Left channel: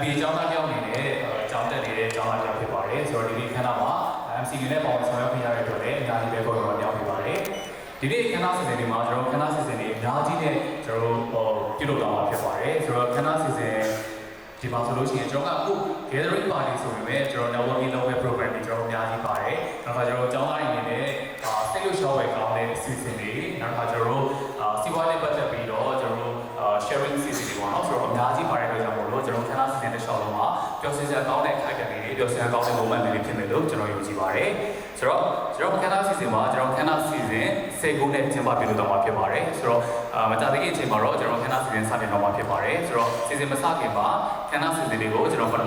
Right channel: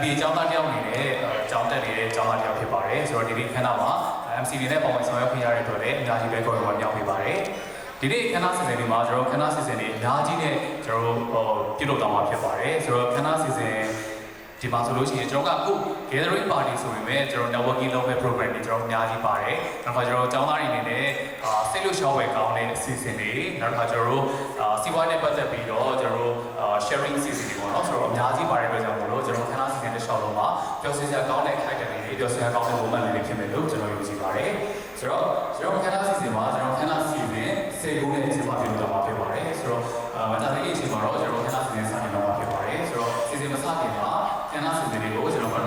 MBA ကျောင်းသားတယောက်အနေနဲ့ကျောင်းတက်နေတဲ့ကျောင်းသားတယောက်ဖြစ်ပါတယ်ဆိုတော့ဒီနေ့ခဏမှာ MCA နဲ့ပေါင်းဆောင်ရွက်ပြရတဲ့အတွက်လည်းအများကြီးပဲခေါ်တော့ပြောင်းပြပါတယ်ဒီနေ့ခဏစီစဉ်တွေမှာကျွန်တော်ခဏစီစဉ်တွေအများကြီးနဲ့ကျွန်တော်ပြုလုပ်တော့မှာဖြစ်ပါတယ်ဆိုတော့ခဏစီစဉ်ဒီမှာဆိုလို့ရှိရင်ကျွန်တော်ကအခု gathering party ဆိုပေမဲ့ကျွန်တော် networking လုပ်တဲ့ program တွေကျွန်တော်အများကြီးပါတယ်နောက်တော့ကျွန်တော်ကျောင်းသားတွေအနေနဲ့စိတ်လို့ရှော့ဝယ်ကောင်းတဲ့အစီအစဉ်တွေနောက်တော့ကျွန်တော်စီးပွားရေးပတ်သက်ပြီးတော့ကျွန်တော် sharing အစီအစဉ်တွေပေါ့နော်ဆိုတော့အများကြီးပါတယ်အတွက်ကြောင့်မို့လို့ကျွန်တော်ခဏစီစဉ်တဲ့ရှော့လုံးမှာပျော်စင်စရာကောင်းတဲ့ခိုက်တယ်လေးပျော်စင်စရာကောင်းတဲ့ moment လေးဖြစ်မယ်လို့ကျွန်တော်ယုံကြည်ပါတယ်ဆိုတော့ကျွန်တော်ခဏစီစဉ်မှာကျွန်တော်ခဏစီစဉ်စိတ်ကူးနဲ့ကျင်းပပြုလုပ်တော့မှာဖြစ်ပါတယ်ဆိုတော့မကြာသေးခင်အချိန်မှာတော့ကျွန်တော်ခဏစီစဉ်စတင်တော့မှာဖြစ်ပါတယ်ဆိုတော့စီစဉ်မစခင်မှာခဏစီစဉ်လေးကိုကျွန်တော်ပထ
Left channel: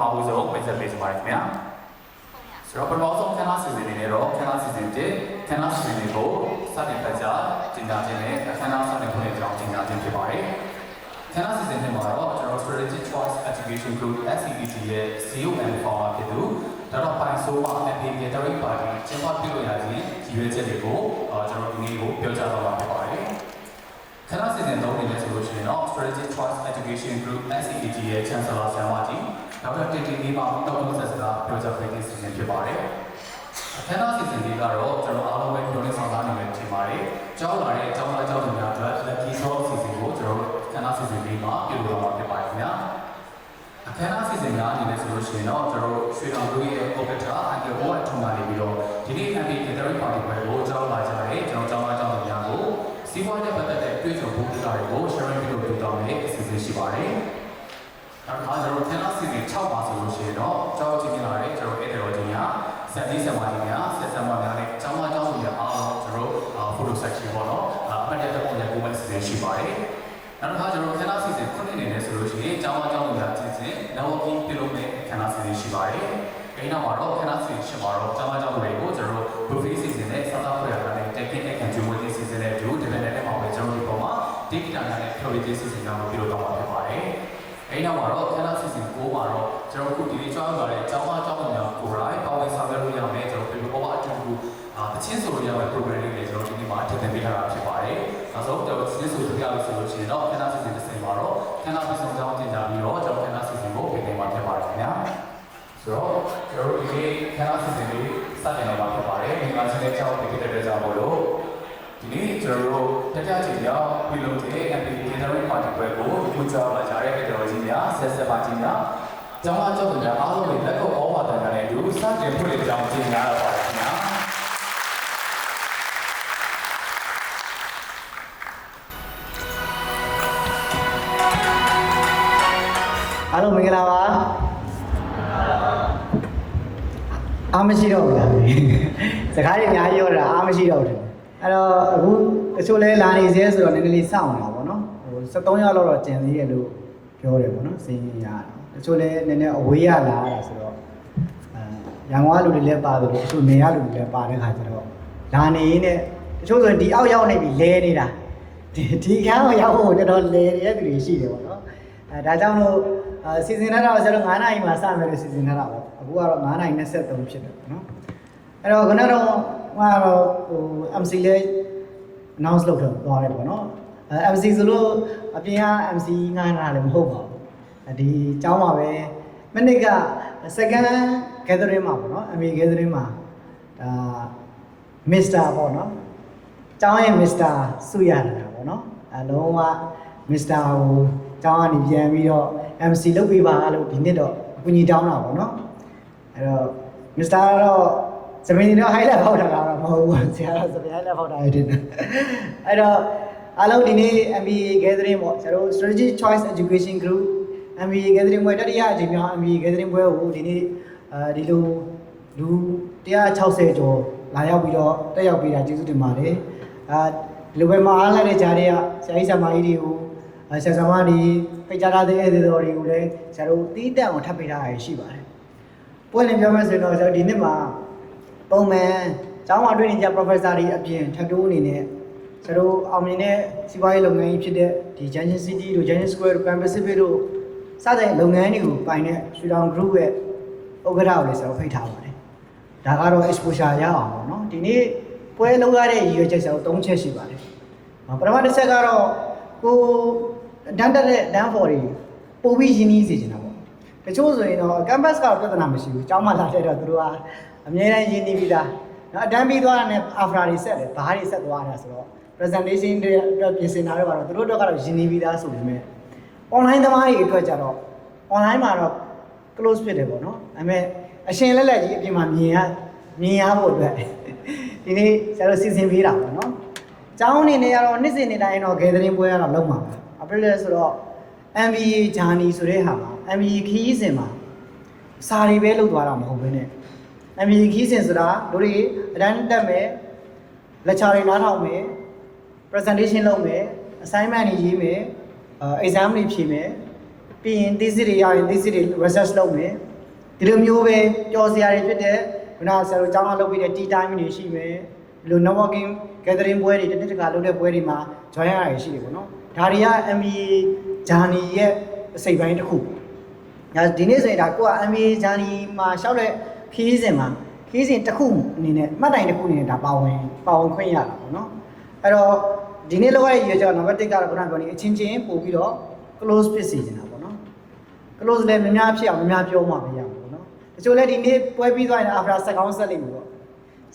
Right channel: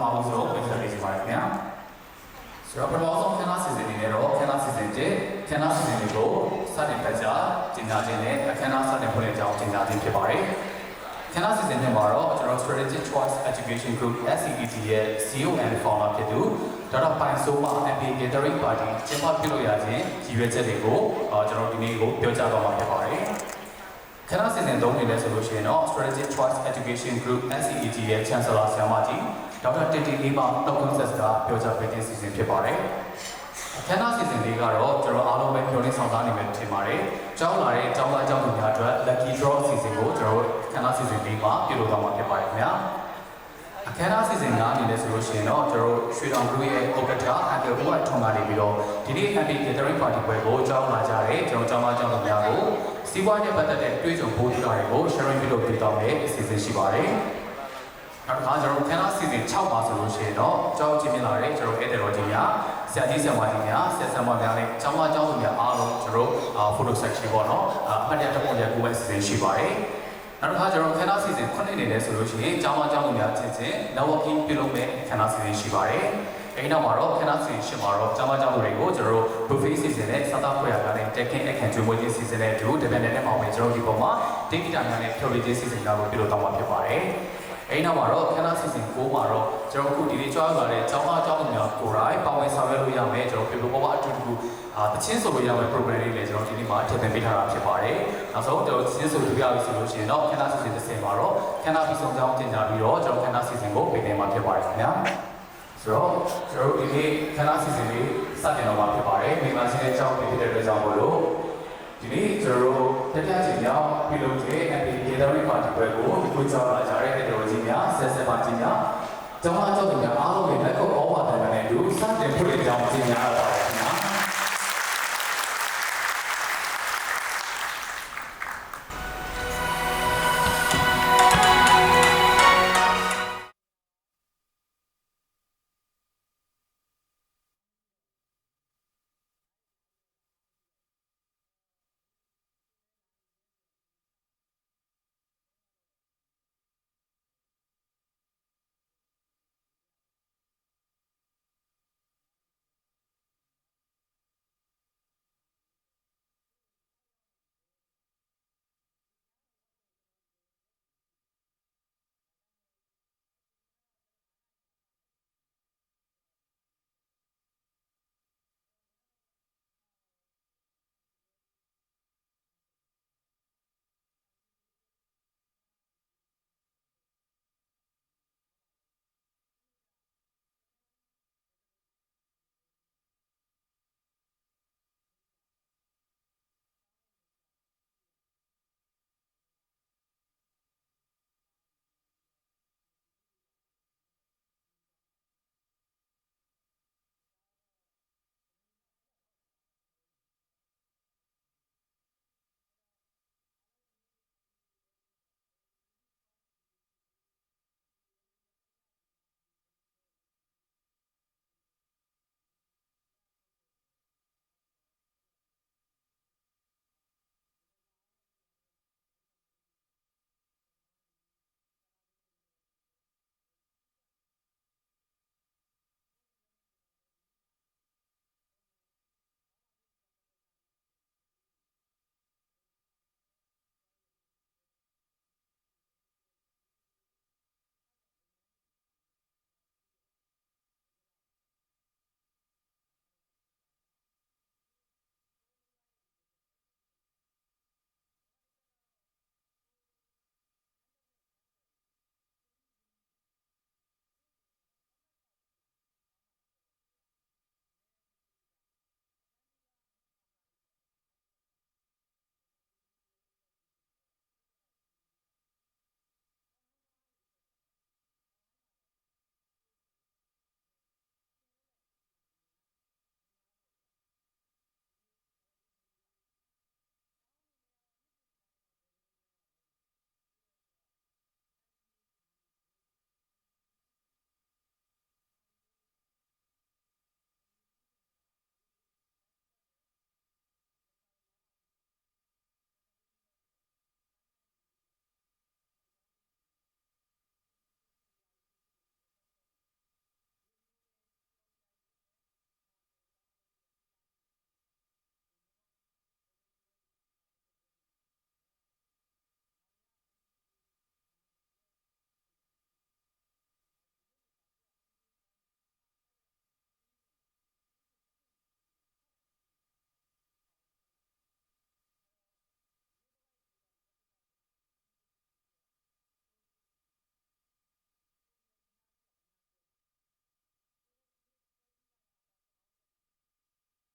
မဦးဆုံးပြင်ဆင်ပေးချင်ပါတယ်ခင်ဗျာဆိုတော့ပထမဆုံးခဏစီစဉ်လေးတော့ခဏစီစဉ်တဲ့ခဏစီစဉ်လေးကိုစတင်ဖတ်ကြားကျင်းပခြင်းနဲ့အခမ်းအနားစတင်ဖွင့်တဲ့အကြောင်းကျင်းပခြင်းဖြစ်ပါတယ်ခဏစီစဉ်တွေမှာတော့ကျွန်တော် Strategic Choice Education Group SCET ရဲ့ CEO and Founder ဖြစ်သူဒါတော့ပိုင်ဆိုးမှာ MBA Gathering Party ကျင်းပပြုလုပ်ရခြင်းရည်ရွယ်ချက်တွေကိုကျွန်တော်ဒီနေ့ကိုပြောကြားတော့မှာဖြစ်ပါတယ်ခဏစီစဉ်သုံးနေလဲဆိုလို့ရှိရင်တော့ Strategic Choice Education Group SCET ရဲ့ Chancellor ဆရာမကြီးဒေါက်တာတင်တင်လေးမှတော့ကွန်ဆက်စကားပြောကြားပေးတဲ့စီစဉ်ဖြစ်ပါတယ်အခမ်းအနားစီစဉ်လေးကတော့ကျွန်တော်အားလုံးပဲပြောနေဆောင်သားနေမယ်ထင်ပါတယ်။ကျောင်းလာတဲ့ကျောင်းသားကျောင်းသူများအတွက် Lucky Draw စီစဉ်ကိုကျွန်တော်အခမ်းအနားစီစဉ်လေးမှာပြုလုပ်တော့မှာဖြစ်ပါတယ်ခင်ဗျာ။အခမ်းအနားစီစဉ်ကအနေနဲ့ဆိုလို့ရှိရင်တော့ကျွန်တော်ရွှေတောင်ကူရဲ့ Opera အကေဘောထုံကနေပြီးတော့ဒီနေ့ MBA Gathering Party ပွဲကိုကျောင်းလာကြတဲ့ကျွန်တော်ကျောင်းသားကျောင်းသူများကိုစီးပွားရေးပတ်သက်တဲ့တွေ့ဆုံဖို့တရားတွေကို sharing ပြုလုပ်ပေးတော့မယ့်အစီအစဉ်ရှိပါတယ်။နောက်တစ်ခါကျွန်တော်ခဏစီစဉ်6ပါဆိုလို့ရှိရင်တော့ကျောင်းချင်းမြင်လာတဲ့ကျွန်တော်ဧည့်သည်တော်ကြီးများဆရာကြီးဆရာမကြီးများဆရာဆရာမများနဲ့ကျောင်းသားကျောင်းသူများအားလုံးကျွန်တော်photo section ပေါ့နော်အမှတ်တရတစ်ပုံရကိုယ်ပဲစီစဉ်ရှိပါတယ်နောက်တစ်ခါကျွန်တော်ခဏစီစဉ်9နှစ်နေလဲဆိုလို့ရှိရင်ကျောင်းသားကျောင်းသူများချင်းချင်း networking ပြုလုပ်တဲ့ခဏစီစဉ်ရှိပါတယ်အဲဒီနောက်မှာတော့ခဏစီစဉ်ရှိမှာတော့ကျောင်းသားကျောင်းသူတွေကိုကျွန်တော် buffet စီစဉ်နဲ့စားသောက်ဖွယ်ရတာနဲ့ technique အခန်းကျွေးမွေးခြင်းစီစဉ်တဲ့ဒီလိုဒီပိုင်းနဲ့ပေါ့ပဲကျွန်တော်ဒီပုံမှာ data များနဲ့ theory စီစဉ်တာကိုပြုလုပ်တော့မှာဖြစ်ပါတယ်အဲ့နောက်မှာတော့ခဏစီစဉ်9မှာတော့ကျွန်တော်အခုဒီနေ့ကြောင်းလာတဲ့ကျောင်းသားကျောင်းသူများကိုယ်တိုင်ပေါင်းဆောင်ရွက်လို့ရမယ်ကျွန်တော်ပြေပေါ်အတူတူတချင်းဆိုလို့ရမယ့် program လေးလည်းကျွန်တော်ဒီနေ့မှာထည့်သွင်းပေးထားတာဖြစ်ပါတယ်။နောက်ဆုံးကျွန်တော်ချင်းဆိုလို့ပြရလို့ဆိုလို့ရှိရင်တော့ခဏစီစဉ်တစ်ချိန်မှာတော့ခဏပြီးဆုံးကြောင်းတင်ကြပြီးတော့ကျွန်တော်ခဏစီစဉ်ကိုပြင်နေမှာဖြစ်ပါတယ်ခင်ဗျာ။ဆိုတော့ကျွန်တော်ဒီနေ့ခဏစီစဉ်လေးစတင်တော့မှာဖြစ်ပါတယ်။ဒီမှာရှိတဲ့ကျောင်းပြည်တဲ့အတွက်ကြောင့်မို့လို့ဒီနေ့ကျွန်တော်တရားချင်ရောက်ပြုလုပ်တဲ့ MBA Gathering Party ပွဲကိုအခုကြောင်းလာကြတဲ့တော်ကြီးများဆက်ဆက်ပါကြီးများကျောင်းသားကျောင်းသူများအားလုံးလည်းလက်ကိုဩဝါဒနဲ့အတူစတင်ဖွင့်လှစ်ကြောင်းကျင်းပရပါတယ်ခင်ဗျာအားလုံးမင်္ဂလာပါအားမရှိတော့ဘူးလားစကားတွေအများကြီးပြောတာအားမရှိတော့ဘူးအဲ့တော့အခုတချို့လဲလာနေစေဆိုတော့နည်းနည်းလေးစောင့်နေတာပေါ့နော်ဟို73ရောက်တော့ကျန်သေးတယ်လို့ပြောတယ်ပေါ့နော်စင်ရင်ရတချို့လဲနည်းနည်းအဝေးရလာတာဆိုတော့ရန်ကုန်ကလူတွေလည်းပါတယ်လို့တချို့နေရလူတွေလည်းပါတဲ့ခါကျတော့လာနေရင်းနဲ့တချို့ဆိုဒီအောက်ရောက်နေပြီလဲနေတာဒီခန်းကိုရောက်ဖို့တော်တော်လဲနေတဲ့သူတွေရှိတယ်ပေါ့နော်ဒါကြောင့်လို့စီစဉ်ထားတာဆိုတော့9နာရီမှာစမယ်လို့စီစဉ်ထားတာပေါ့အခုကတော့9နာရီ23ဖြစ်တယ်ပေါ့နော်အဲ့တော့ခဏတော့ဟို MC လေး announce လုပ်တော့သွားတယ်ပေါ့နော်MC ဆိုလို့အပြင်က MC ငှားတာလည်းမဟုတ်ပါဘူးဒီအကြောင်းပါပဲမိနစ်က second gathering မှာပေါ့နော် MBA gathering မှာဒါ Mr ပေါ့နော်အကြောင်းရဲ့ Mr စုရတာပေါ့နော်အလုံးဝ Mr ကိုအကြောင်းကနေပြန်ပြီးတော့ MC လုပ်ပေးပါလို့ဒီနှစ်တော့အကူအညီတောင်းတာပေါ့နော်အဲ့တော့ Mr ကတော့စပင်းတော့ highlight ဖောက်တာကတော့မဟုတ်ဘူးဆရာကစပင်း highlight ဖောက်တာရတဲ့အဲ့တော့အားလုံးဒီနေ့ MBA gathering ပေါ့ကျွန်တော် Strategic Choice Education Group MBA gathering ပွဲတတိယအကြိမ်မြောက် MBA gathering ပွဲကိုဒီနေ့ဒီလိုလူ160ကျော်လာရောက်ပြီးတော့တက်ရောက်ပေးတာကျေးဇူးတင်ပါတယ်ဒီလိုပဲမအားလိုက်တဲ့ကြားတွေကဆရာကြီးဆရာမကြီးတွေကိုဆရာဆရာမတွေဖိတ်ကြားထားတဲ့ဧည့်သည်တော်တွေကိုလည်းဆရာတို့တီးတက်အောင်ထပ်ပေးထားရရှိပါတယ်ပွဲလင်ပြောမယ်ဆိုတော့ကျွန်တော်ဒီနေ့မှာပုံမှန်ကျောင်းမှာတွေ့နေကြ professor တွေအပြင်ထပ်တိုးအနေနဲ့ကျွန်တော်အောင်မြင်တဲ့စီးပွားရေးလုပ်ငန်းကြီးဖြစ်တဲ့ဒီ Junction City တို့ Junction Square တို့ Pan Pacific တို့စတဲ့လုပ်ငန်းတွေကိုပိုင်တဲ့ရွှေတောင် group ရဲ့ဥက္ကဋ္ဌကိုလည်းကျွန်တော်ဖိတ်ထားပါတယ်ဒါကတော့ exposure ရအောင်ပေါ့နော်ဒီနေ့ပွဲလုပ်ရတဲ့ရည်ရွယ်ချက်ကျွန်တော်3ချက်ရှိပါတယ်ပထမတစ်ချက်ကတော့ကိုတန်းတက်တဲ့ dance for တွေပို့ပြီးရင်းနှီးစေချင်တာပေါ့ တချို့ဆိုရင်တော့ campus ကတော့ပြဿနာမရှိဘူးကျောင်းမှာလာတဲ့တော့သူတို့ကအများအားရင်းနေပြီးသားနော်အတန်းပြီးသွားတာနဲ့ after တွေဆက်တယ်ဘားတွေဆက်သွားတာဆိုတော့ presentation တွေအတွက်ပြင်ဆင်တာတွေကတော့သူတို့တော့ကတော့ရင်းနေပြီးသားဆိုပေမဲ့ online သမားတွေအတွက်ကြတော့ online မှာတော့ close ဖြစ်တယ်ပေါ့နော်ဒါပေမဲ့အရှင်လက်လက်ကြီးအပြင်မှာမြင်ရဖို့အတွက်ဒီနေ့ဆရာတို့စီစဉ်ပေးတာပေါ့နော်ကျောင်းအနေနဲ့ကတော့နှစ်စဉ်နေ့တိုင်းတော့ gathering ပွဲကတော့လုပ်မှာပါအပလဲဆိုတော့ MBA journey ဆိုတဲ့ဟာမှာ MBA ခီးစဉ်မှာစာတွေပဲလုပ်သွားတာမဟုတ်ဘဲနဲ့ MBA ခီးစဉ်ဆိုတာတို့တွေအတန်းတက်မယ် lecture တွေနားထောင်မယ် presentation လုပ်မယ် assignment တွေရေးမယ်exam တွေဖြေမယ်ပြီးရင် thesis တွေရရင် thesis တွေ research လုပ်မယ်ဒီလိုမျိုးပဲကြော်စရာတွေဖြစ်တဲ့ခုနဆရာတို့ကျောင်းကလုပ်ပြီးတဲ့ tea time တွေရှိမယ်ဒီလို networking gathering ပွဲတွေတစ်ခါလုပ်တဲ့ပွဲတွေမှာ join ရတာရှိတယ်ပေါ့နော်ဒါတွေက MBA journey ရဲ့အစိတ်ပိုင်းတစ်ခုဒါဒီနေ့ဆိုရင်ဒါကိုက MBA journey မှာရှောက်တဲ့ခီးစဉ်တစ်ခုအနေနဲ့မှတ်တိုင်တစ်ခုအနေနဲ့ဒါပါဝင်ခွင့်ရတာပေါ့နော်အဲ့တော့ဒီနေ့လောက်ရတဲ့ရည်ရွယ်ချက်နံပါတ်1ကတော့ခုနပြောနေအချင်းချင်းပို့ပြီးတော့ close ဖြစ်စေချင်တာပေါ့နော် close လည်းများဖြစ်အောင်များပြောမှမရဘူးပေါ့နော်တချို့လည်းဒီနေ့ပွဲပြီးသွားရင် after ဆက်ကောင်းဆက်လိမ့်မယ်ပေါ့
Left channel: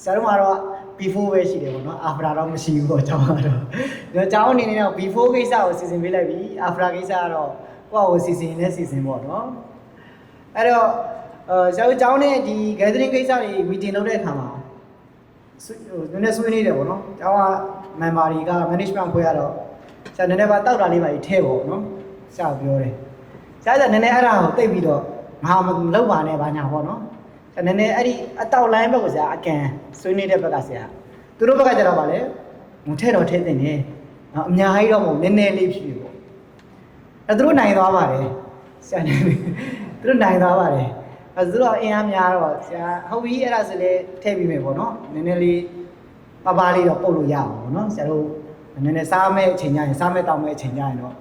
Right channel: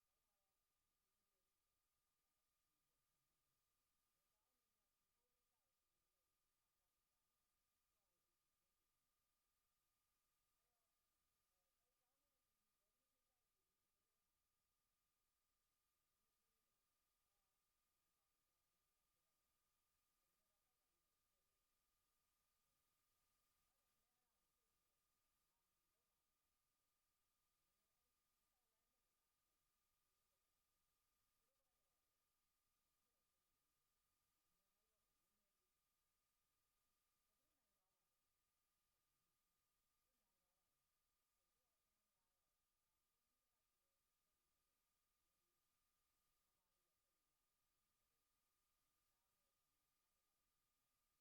ဆရာတို့ကတော့ before ပဲရှိတယ်ပေါ့နော် after တော့မရှိဘူးပေါ့ကျောင်းကတော့ကျောင်းအနေနဲ့တော့ before ကိစ္စကိုစီစဉ်ပေးလိုက်ပြီ after ကိစ္စကတော့ကိုယ့်ကိုစီစဉ်ပေါ့နော်အဲ့တော့ဆရာတို့ကျောင်းနဲ့ဒီ gathering ကိစ္စတွေ meeting လုပ်တဲ့အခါမှာနည်းနည်းဆွေးနွေးတယ်ပေါ့နော်ကျောင်းက member တွေက management ဖွဲ့ရတော့ဆရာနည်းနည်းပါတောက်တာလေးပါကြီးထဲပေါ့နော်ဆရာပြောတယ်ဆရာကနည်းနည်းအဲ့ဒါကိုတိတ်ပြီးတော့ငါမလုပ်ပါနဲ့ဘာညာပေါ့နော်ဆရာနည်းနည်းအဲ့ဒီအတောက် line ဘက်ကိုဆရာအကန်ဆွေးနွေးတဲ့ဘက်ကဆရာသူတို့ဘက်ကကျတော့ဗာလဲဟိုထဲတော့ထဲတင်တယ်နော်အများကြီးတော့မဟုတ်နည်းနည်းလေးဖြစ်ပြီပေါ့အဲ့သူတို့နိုင်သွားပါတယ်ဆရာနေသူတို့နိုင်သွားပါတယ်အဲ့သူတို့အင်အားများတော့ဆရာဟုတ်ပြီအဲ့ဒါဆိုလေထည့်ပြီးမယ်ပေါ့နော်နည်းနည်းလေးပါလေးတော့ပုတ်လို့ရအောင်ပေါ့နော်ဆရာတို့နည်းနည်းစားမဲ့အချိန်ကျရင်စားမဲ့တောင်းမဲ့အချိန်ကျရင်တော့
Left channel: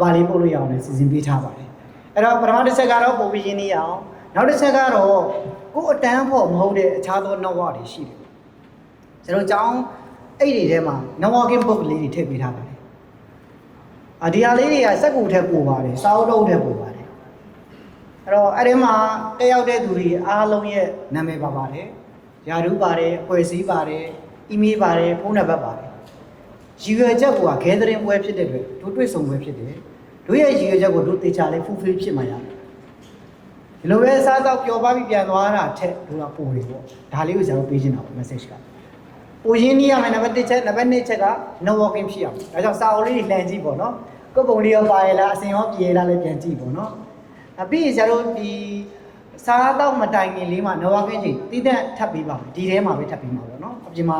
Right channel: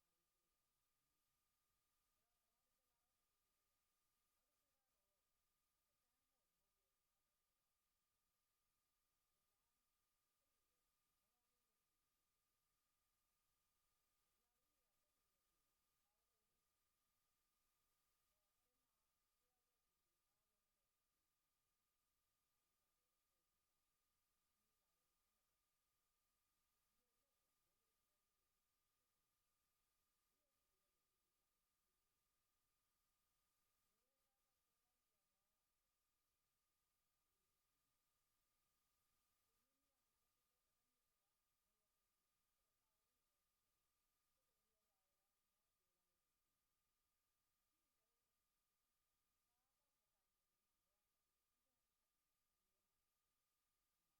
ပါလေးပုတ်လို့ရအောင်လည်းစီစဉ်ပေးထားပါတယ်အဲ့တော့ပထမတစ်ချက်ကတော့ပုံပြီးရင်းနေရအောင်နောက်တစ်ချက်ကတော့ကိုယ်အတန်းဖို့မဟုတ်တဲ့အခြားသော network တွေရှိတယ်ကျွန်တော်ကျောင်းအဲ့ဒီထဲမှာ networking book လေးတွေထည့်ပေးထားပါတယ်ဒီဟာလေးတွေကစက်ကူထက်ပိုပါတယ်စာအုပ်လုံးထက်ပိုပါတယ်အဲ့တော့အဲ့ဒီမှာတက်ရောက်တဲ့သူတွေအားလုံးရဲ့နာမည်ပါပါတယ်ယာရုပါတယ်အဖွဲ့အစည်းပါတယ်အီးမေးလ်ပါတယ်ဖုန်းနံပါတ်ပါတယ်ရည်ရွယ်ချက်က gathering ပွဲဖြစ်တဲ့အတွက်တို့တွေ့ဆုံပွဲဖြစ်တယ်တို့ရဲ့ရည်ရွယ်ချက်ကိုတို့တေချာလေး fulfill ဖြစ်မှာရတယ်ဒီလိုပဲစားတော့ပျော်ပါပြီးပြန်သွားတာထက်တို့ကပိုတယ်ပေါ့ဒါလေးကိုကျွန်တော်ပေးချင်တာပေါ့ message ကပိုရင်းနေရမယ်နံပါတ်1ချက်နံပါတ်2ချက်က networking ဖြစ်အောင်ဒါကြောင့်စာအုပ်လေးတွေလှန်ကြည့်ပေါ့နော်ကိုယ်ပုံလေးရောပါရလားအစင်ရောပြေရလားလည်းပြန်ကြည့်ပေါ့နော်ပြီးရင်ကျွန်တော်ဒီစားတော့မတိုင်ခင်လေးမှာ networking ချိန်တည်တဲ့ထပ်ပေးပါမယ်ဒီထဲမှာပဲထပ်ပေးမှာပေါ့နော်အပြင်မှာ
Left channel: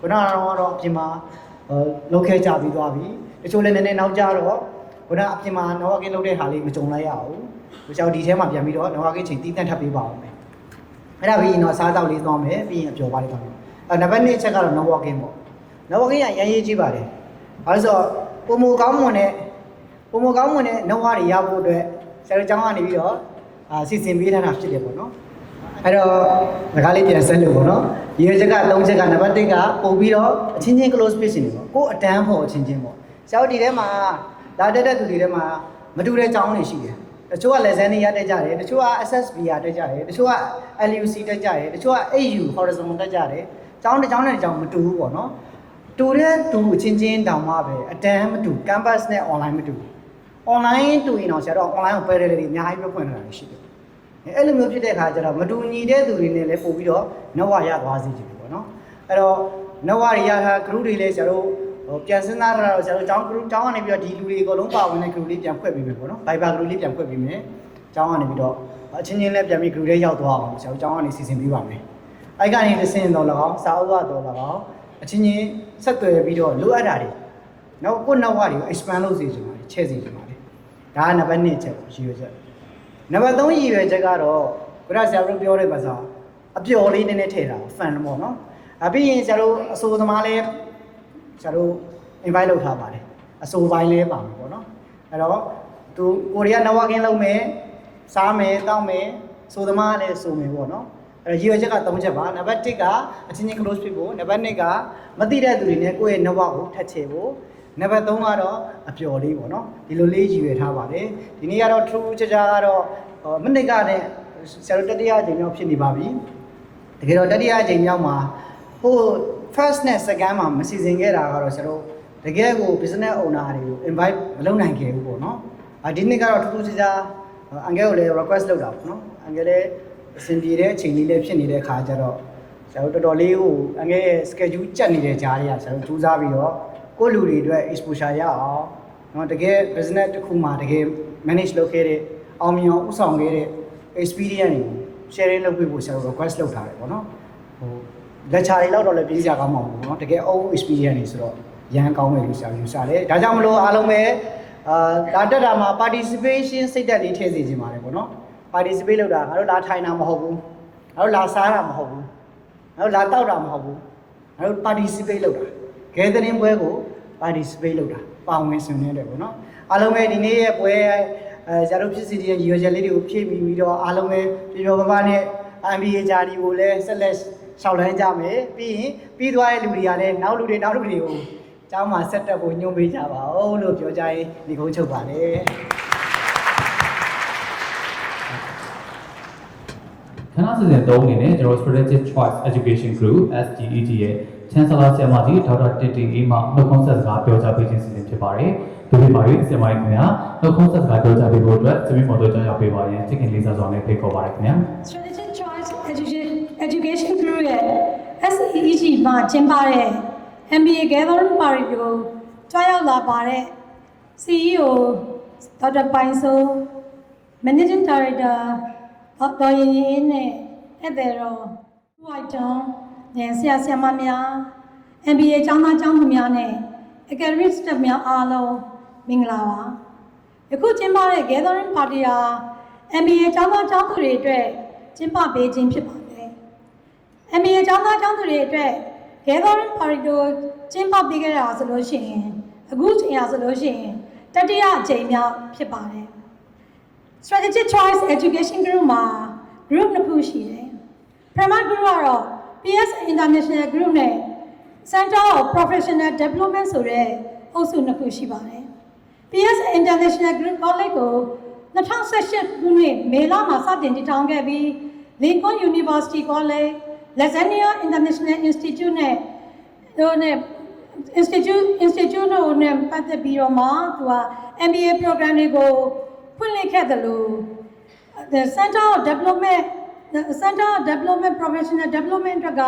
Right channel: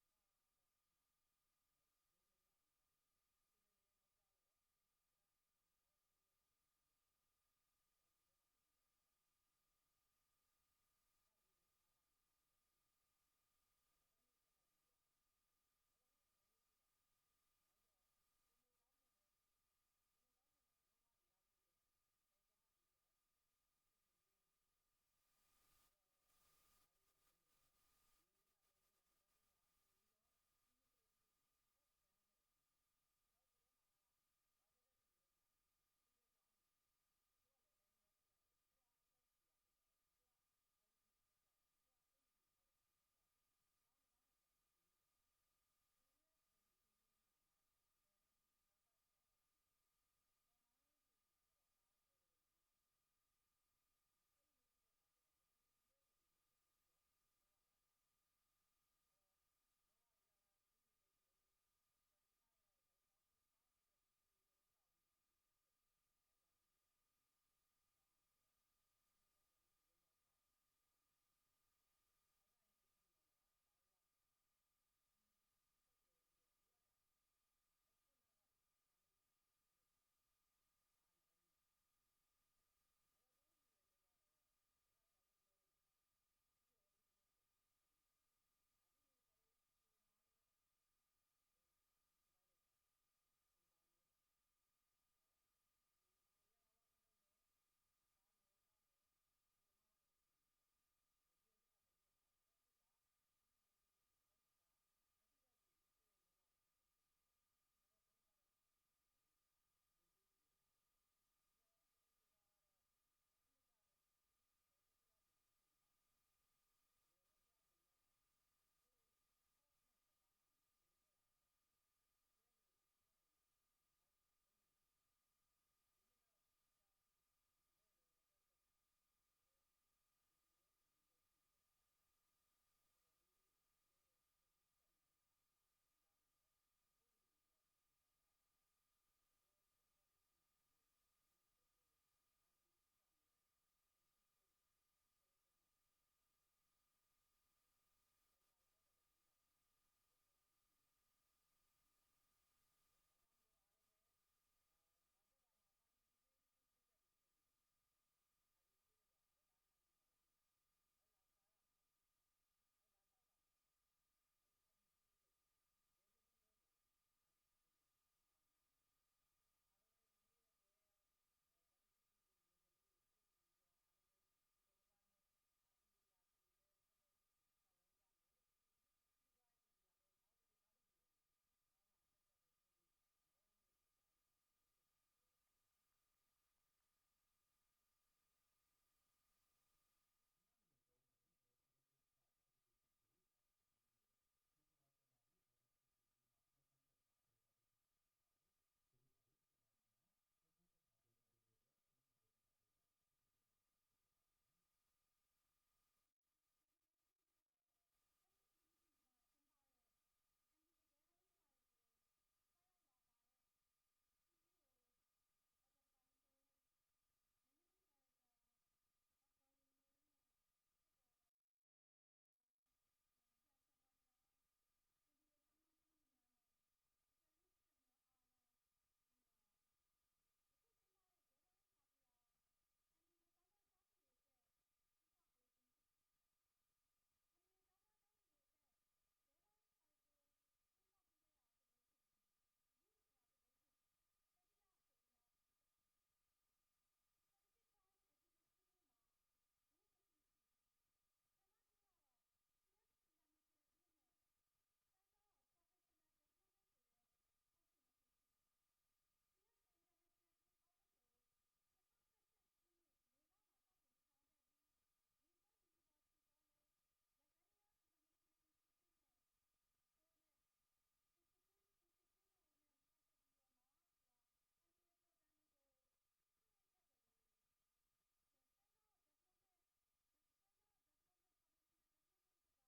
ခုနကတော့အပြင်မှာလောက်ခဲကြပြီးသွားပြီတချို့လည်းနည်းနည်းနောက်ကြတော့ခုနအပြင်မှာ networking လုပ်တဲ့ဟာလေးမကြုံလိုက်ရအောင်ကျွန်တော်ဒီထဲမှာပြန်ပြီးတော့ networking ချိန်တည်တဲ့ထပ်ပေးပါအောင်မယ်အဲ့ဒါပြီးရင်တော့စားတော့လေးသွားမယ်ပြီးရင်အပျော်ပါလေးသွားမယ်နံပါတ်2ချက်ကတော့ networking ပေါ့ networking ကရမ်းရေးကြည့်ပါတယ်ဘာလို့ဆိုတော့ပုံမကောင်းမွန်တဲ့ network တွေရဖို့အတွက်ဆရာတို့ကျောင်းကနေပြီးတော့စီစဉ်ပေးထားတာဖြစ်တယ်ပေါ့နော်အဲ့တော့ငကားလေးပြန်ဆက်လို့ပေါ့နော်ဒီရချက်က3ချက်ကနံပါတ်1ကပို့ပြီးတော့အချင်းချင်း close ဖြစ်နေပေါ့ကိုယ်အတန်းဖို့အချင်းချင်းပေါ့ဆရာတို့ဒီထဲမှာလာတက်တဲ့သူတွေထဲမှာမတူတဲ့ကျောင်းတွေရှိတယ်တချို့က lesson တွေရတက်ကြတယ်တချို့က SSB ရတက်ကြတယ်တချို့က LUC တက်ကြတယ်တချို့က AU horizontal တက်ကြတယ်ကျောင်းတစ်ကျောင်းနဲ့တစ်ကျောင်းမတူဘူးပေါ့နော်တူတဲ့သူအချင်းချင်းတောင်မှပဲအတန်းမတူ campus နဲ့ online မတူ online တူရင်တော့ဆရာတို့ online ကို parallel တွေအများကြီးပြဖွင့်ထားတာရှိတယ်အဲ့လိုမျိုးဖြစ်တဲ့အခါကျတော့မတူညီတဲ့သူတွေနဲ့လည်းပို့ပြီးတော့ network ရသွားစေချင်တယ်ပေါ့နော်အဲ့တော့ network တွေရထား group တွေလည်းဆရာတို့ပြန်စဉ်းစားရတော့ဆရာတို့ကျောင်း group ကျောင်းကနေပြီးတော့ဒီလူတွေအကုန်လုံးပါဝင်တဲ့ group လေးပြန်ဖွင့်ပေးမယ်ပေါ့နော် Viber group လေးပြန်ဖွင့်ပေးမယ်ကျောင်းကနေပြီးတော့အချင်းချင်းလည်းပြန်ပြီး group လေးရောက်သွားအောင်ဆရာတို့ကျောင်းကနေစီစဉ်ပေးပါမယ်အဲ့ကနေတစ်ဆင့်တော့၎င်းစာအုပ်ကတော့၎င်းအချင်းချင်းဆက်သွယ်ပြီးတော့လိုအပ်တာတွေနောက်ကိုယ့် network တွေကို expand လုပ်စေချင်ပါတယ်ချဲ့စေချင်ပါတယ်ဒါကနံပါတ်2ချက်ရည်ရွယ်ချက်နံပါတ်3ရည်ရွယ်ချက်ကတော့ခုနဆရာတို့ပြောတဲ့ပါစာအပျော်လေးနည်းနည်းထည့်တာ fan ပေါ့နော်ပြီးရင်ဆရာတို့အဆိုသမားလေးဆရာတို့ invite လုပ်ထားပါတယ်အဆိုပိုင်းလေးပါမယ်ပေါ့နော်အဲ့တော့သူကိုရီးယား networking လုပ်မယ်စားမယ်တောက်မယ်ဆိုသမားလည်းဆိုမယ်ပေါ့နော်အဲ့ရည်ရွယ်ချက်က3ချက်ပါနံပါတ်1ကအချင်းချင်း close ဖြစ်ဖို့နံပါတ်2ကမသိတဲ့သူတွေနဲ့ကိုယ့်ရဲ့ network ကိုထပ်ချေဖို့နံပါတ်3ကတော့အပျော်လေးပေါ့နော်ဒီလိုလေးရည်ရွယ်ထားပါတယ်ဒီနေ့ကတော့ true ချာကတော့ မနစ်ကနဲ့ဆရာတို့တတိယအကြိမ်မြောက်ဖြစ်နေပါပြီတကယ်တော့တတိယအကြိမ်မြောက်မှာဟို first နဲ့ second မှာမစီစဉ်ခဲ့တာကတော့ဆရာတို့တကယ်ကို business owner တွေကို invite မလုပ်နိုင်ခဲ့ဘူးပေါ့နော်ဒီနေ့ကတော့ထူးထူးခြားခြားအန်ကယ်ကိုလည်း request လုပ်တာပေါ့နော်အန်ကယ်လည်းအဆင်ပြေတဲ့အချိန်လေးလည်းဖြစ်နေတဲ့ခါကျတော့ဆရာတို့တော်တော်လေးဟိုအငယ်ရဲ့ schedule ကြက်နေတဲ့ကြားတွေကဆရာတို့စူးစမ်းပြီးတော့ကိုယ့်လူတွေအတွက် exposure ရအောင်เนาะတကယ် business တစ်ခုမှာတကယ် manage လုပ်ခဲ့တဲ့အောင်မြင်အောင်ဥဆောင်ခဲ့တဲ့ experience တွေကို sharing လုပ်ပေးဖို့ဆရာတို့ request လုပ်ထားတယ်ပေါ့နော်ဟို lecture တွေလောက်တော့လည်းပြည်စရာကောင်းမှာပေါ့နော်တကယ် own experience တွေဆိုတော့ရန်ကောင်းမယ်လို့ဆရာယူဆတယ်ဒါကြောင့်မလို့အားလုံးပဲဒါတက်တာမှာ participation စိတ်ဓာတ်လေးထည့်စေချင်ပါတယ်ပေါ့နော် participate လုပ်တာငါတို့လာထိုင်တာမဟုတ်ဘူးငါတို့လာစားတာမဟုတ်ဘူးငါတို့လာတောက်တာမဟုတ်ဘူးငါတို့ participate လုပ်တာ gathering ပွဲကို participate လုပ်တာပါဝင်ဆင်နွှဲတယ်ပေါ့နော်အားလုံးပဲဒီနေ့ရဲ့ပွဲဆရာတို့ဖြစ်စီတဲ့ရည်ရွယ်ချက်လေးတွေကိုဖြည့်ပြီးတော့အားလုံးပဲပြောပြောပါနဲ့ MBA ဂျာဒီကိုလည်းဆက်လက်ရှောက်လန်းကြမယ်ပြီးရင်ပြီးသွားတဲ့လူတွေကလည်းနောက်လူတွေကိုကျောင်းမှာဆက်တက်ဖို့ညွှန်ပေးကြပါဦးလို့ပြောကြရင်ဒီကုန်းချုပ်ပါတယ် ခဏစီစဉ်3အနေနဲ့ကျွန်တော် Strategic Choice Education Group SGEG ရဲ့ Chancellor ဆရာမကြီးဒေါက်တာတင်တင်အေးမှနှုတ်ခွန်းဆက်စကားပြောကြားပေးခြင်းစီစဉ်ဖြစ်ပါတယ်။ဒီနေ့မှာရေးဆရာမကြီးခင်ဗျာနှုတ်ခွန်းဆက်စကားပြောကြားပေးဖို့အတွက်သမီးမော်တော်ကြောင့်ရောက်ပေးပါရင်ချစ်ခင်လေးစားစွာနဲ့ဖိတ်ခေါ်ပါတယ်ခင်ဗျာ Strategic Choice Education Group ရဲ့ SEEG မှာကျင်းပတဲ့ MBA Gathering Party ကိုကြွားရောက်လာပါတဲ့ CEO ဒေါက်တာပိုင်စိုး Managing Director ဒေါ်ရင်ရင်နဲ့ဧည့်သည်တော်ဦးဝိုက်တွန်းနဲ့ဆရာဆရာမများ MBA ကျောင်းသားကျောင်းသူများနဲ့ Academic Staff များအားလုံးမင်္ဂလာပါယခုကျင်းပတဲ့ Gathering Party ဟာ MBA ကျောင်းသားကျောင်းသူတွေအတွက်ကျင်းပပေးခြင်းဖြစ်ပါတယ် MBA ကျောင်းသားကျောင်းသူတွေအတွက် Gathering Party ကိုကျင်းပပေးခဲ့တာဆိုလို့ရှိရင်အခုချိန်ရဆိုလို့ရှိရင်တတိယအကြိမ်မြောက်ဖြစ်ပါတယ် Strategic Choice Education Group မှာ group နှစ်ခုရှိတယ်ပထမ group ကတော့ PS International Group နဲ့ Center of Professional Development ဆိုတဲ့အုပ်စုနှစ်ခုရှိပါတယ် PS International Group College ကို2018ခုနှစ်မေလမှာစတင်တည်ထောင်ခဲ့ပြီး Lincoln University College, Lasagna International Institute နဲ့တို့နဲ့ institute တို့နဲ့ပတ်သက်ပြီးတော့မှသူက MBA program တွေကိုဖွင့်လှစ်ခဲ့တယ်လို့ the Center of Development Professional Development က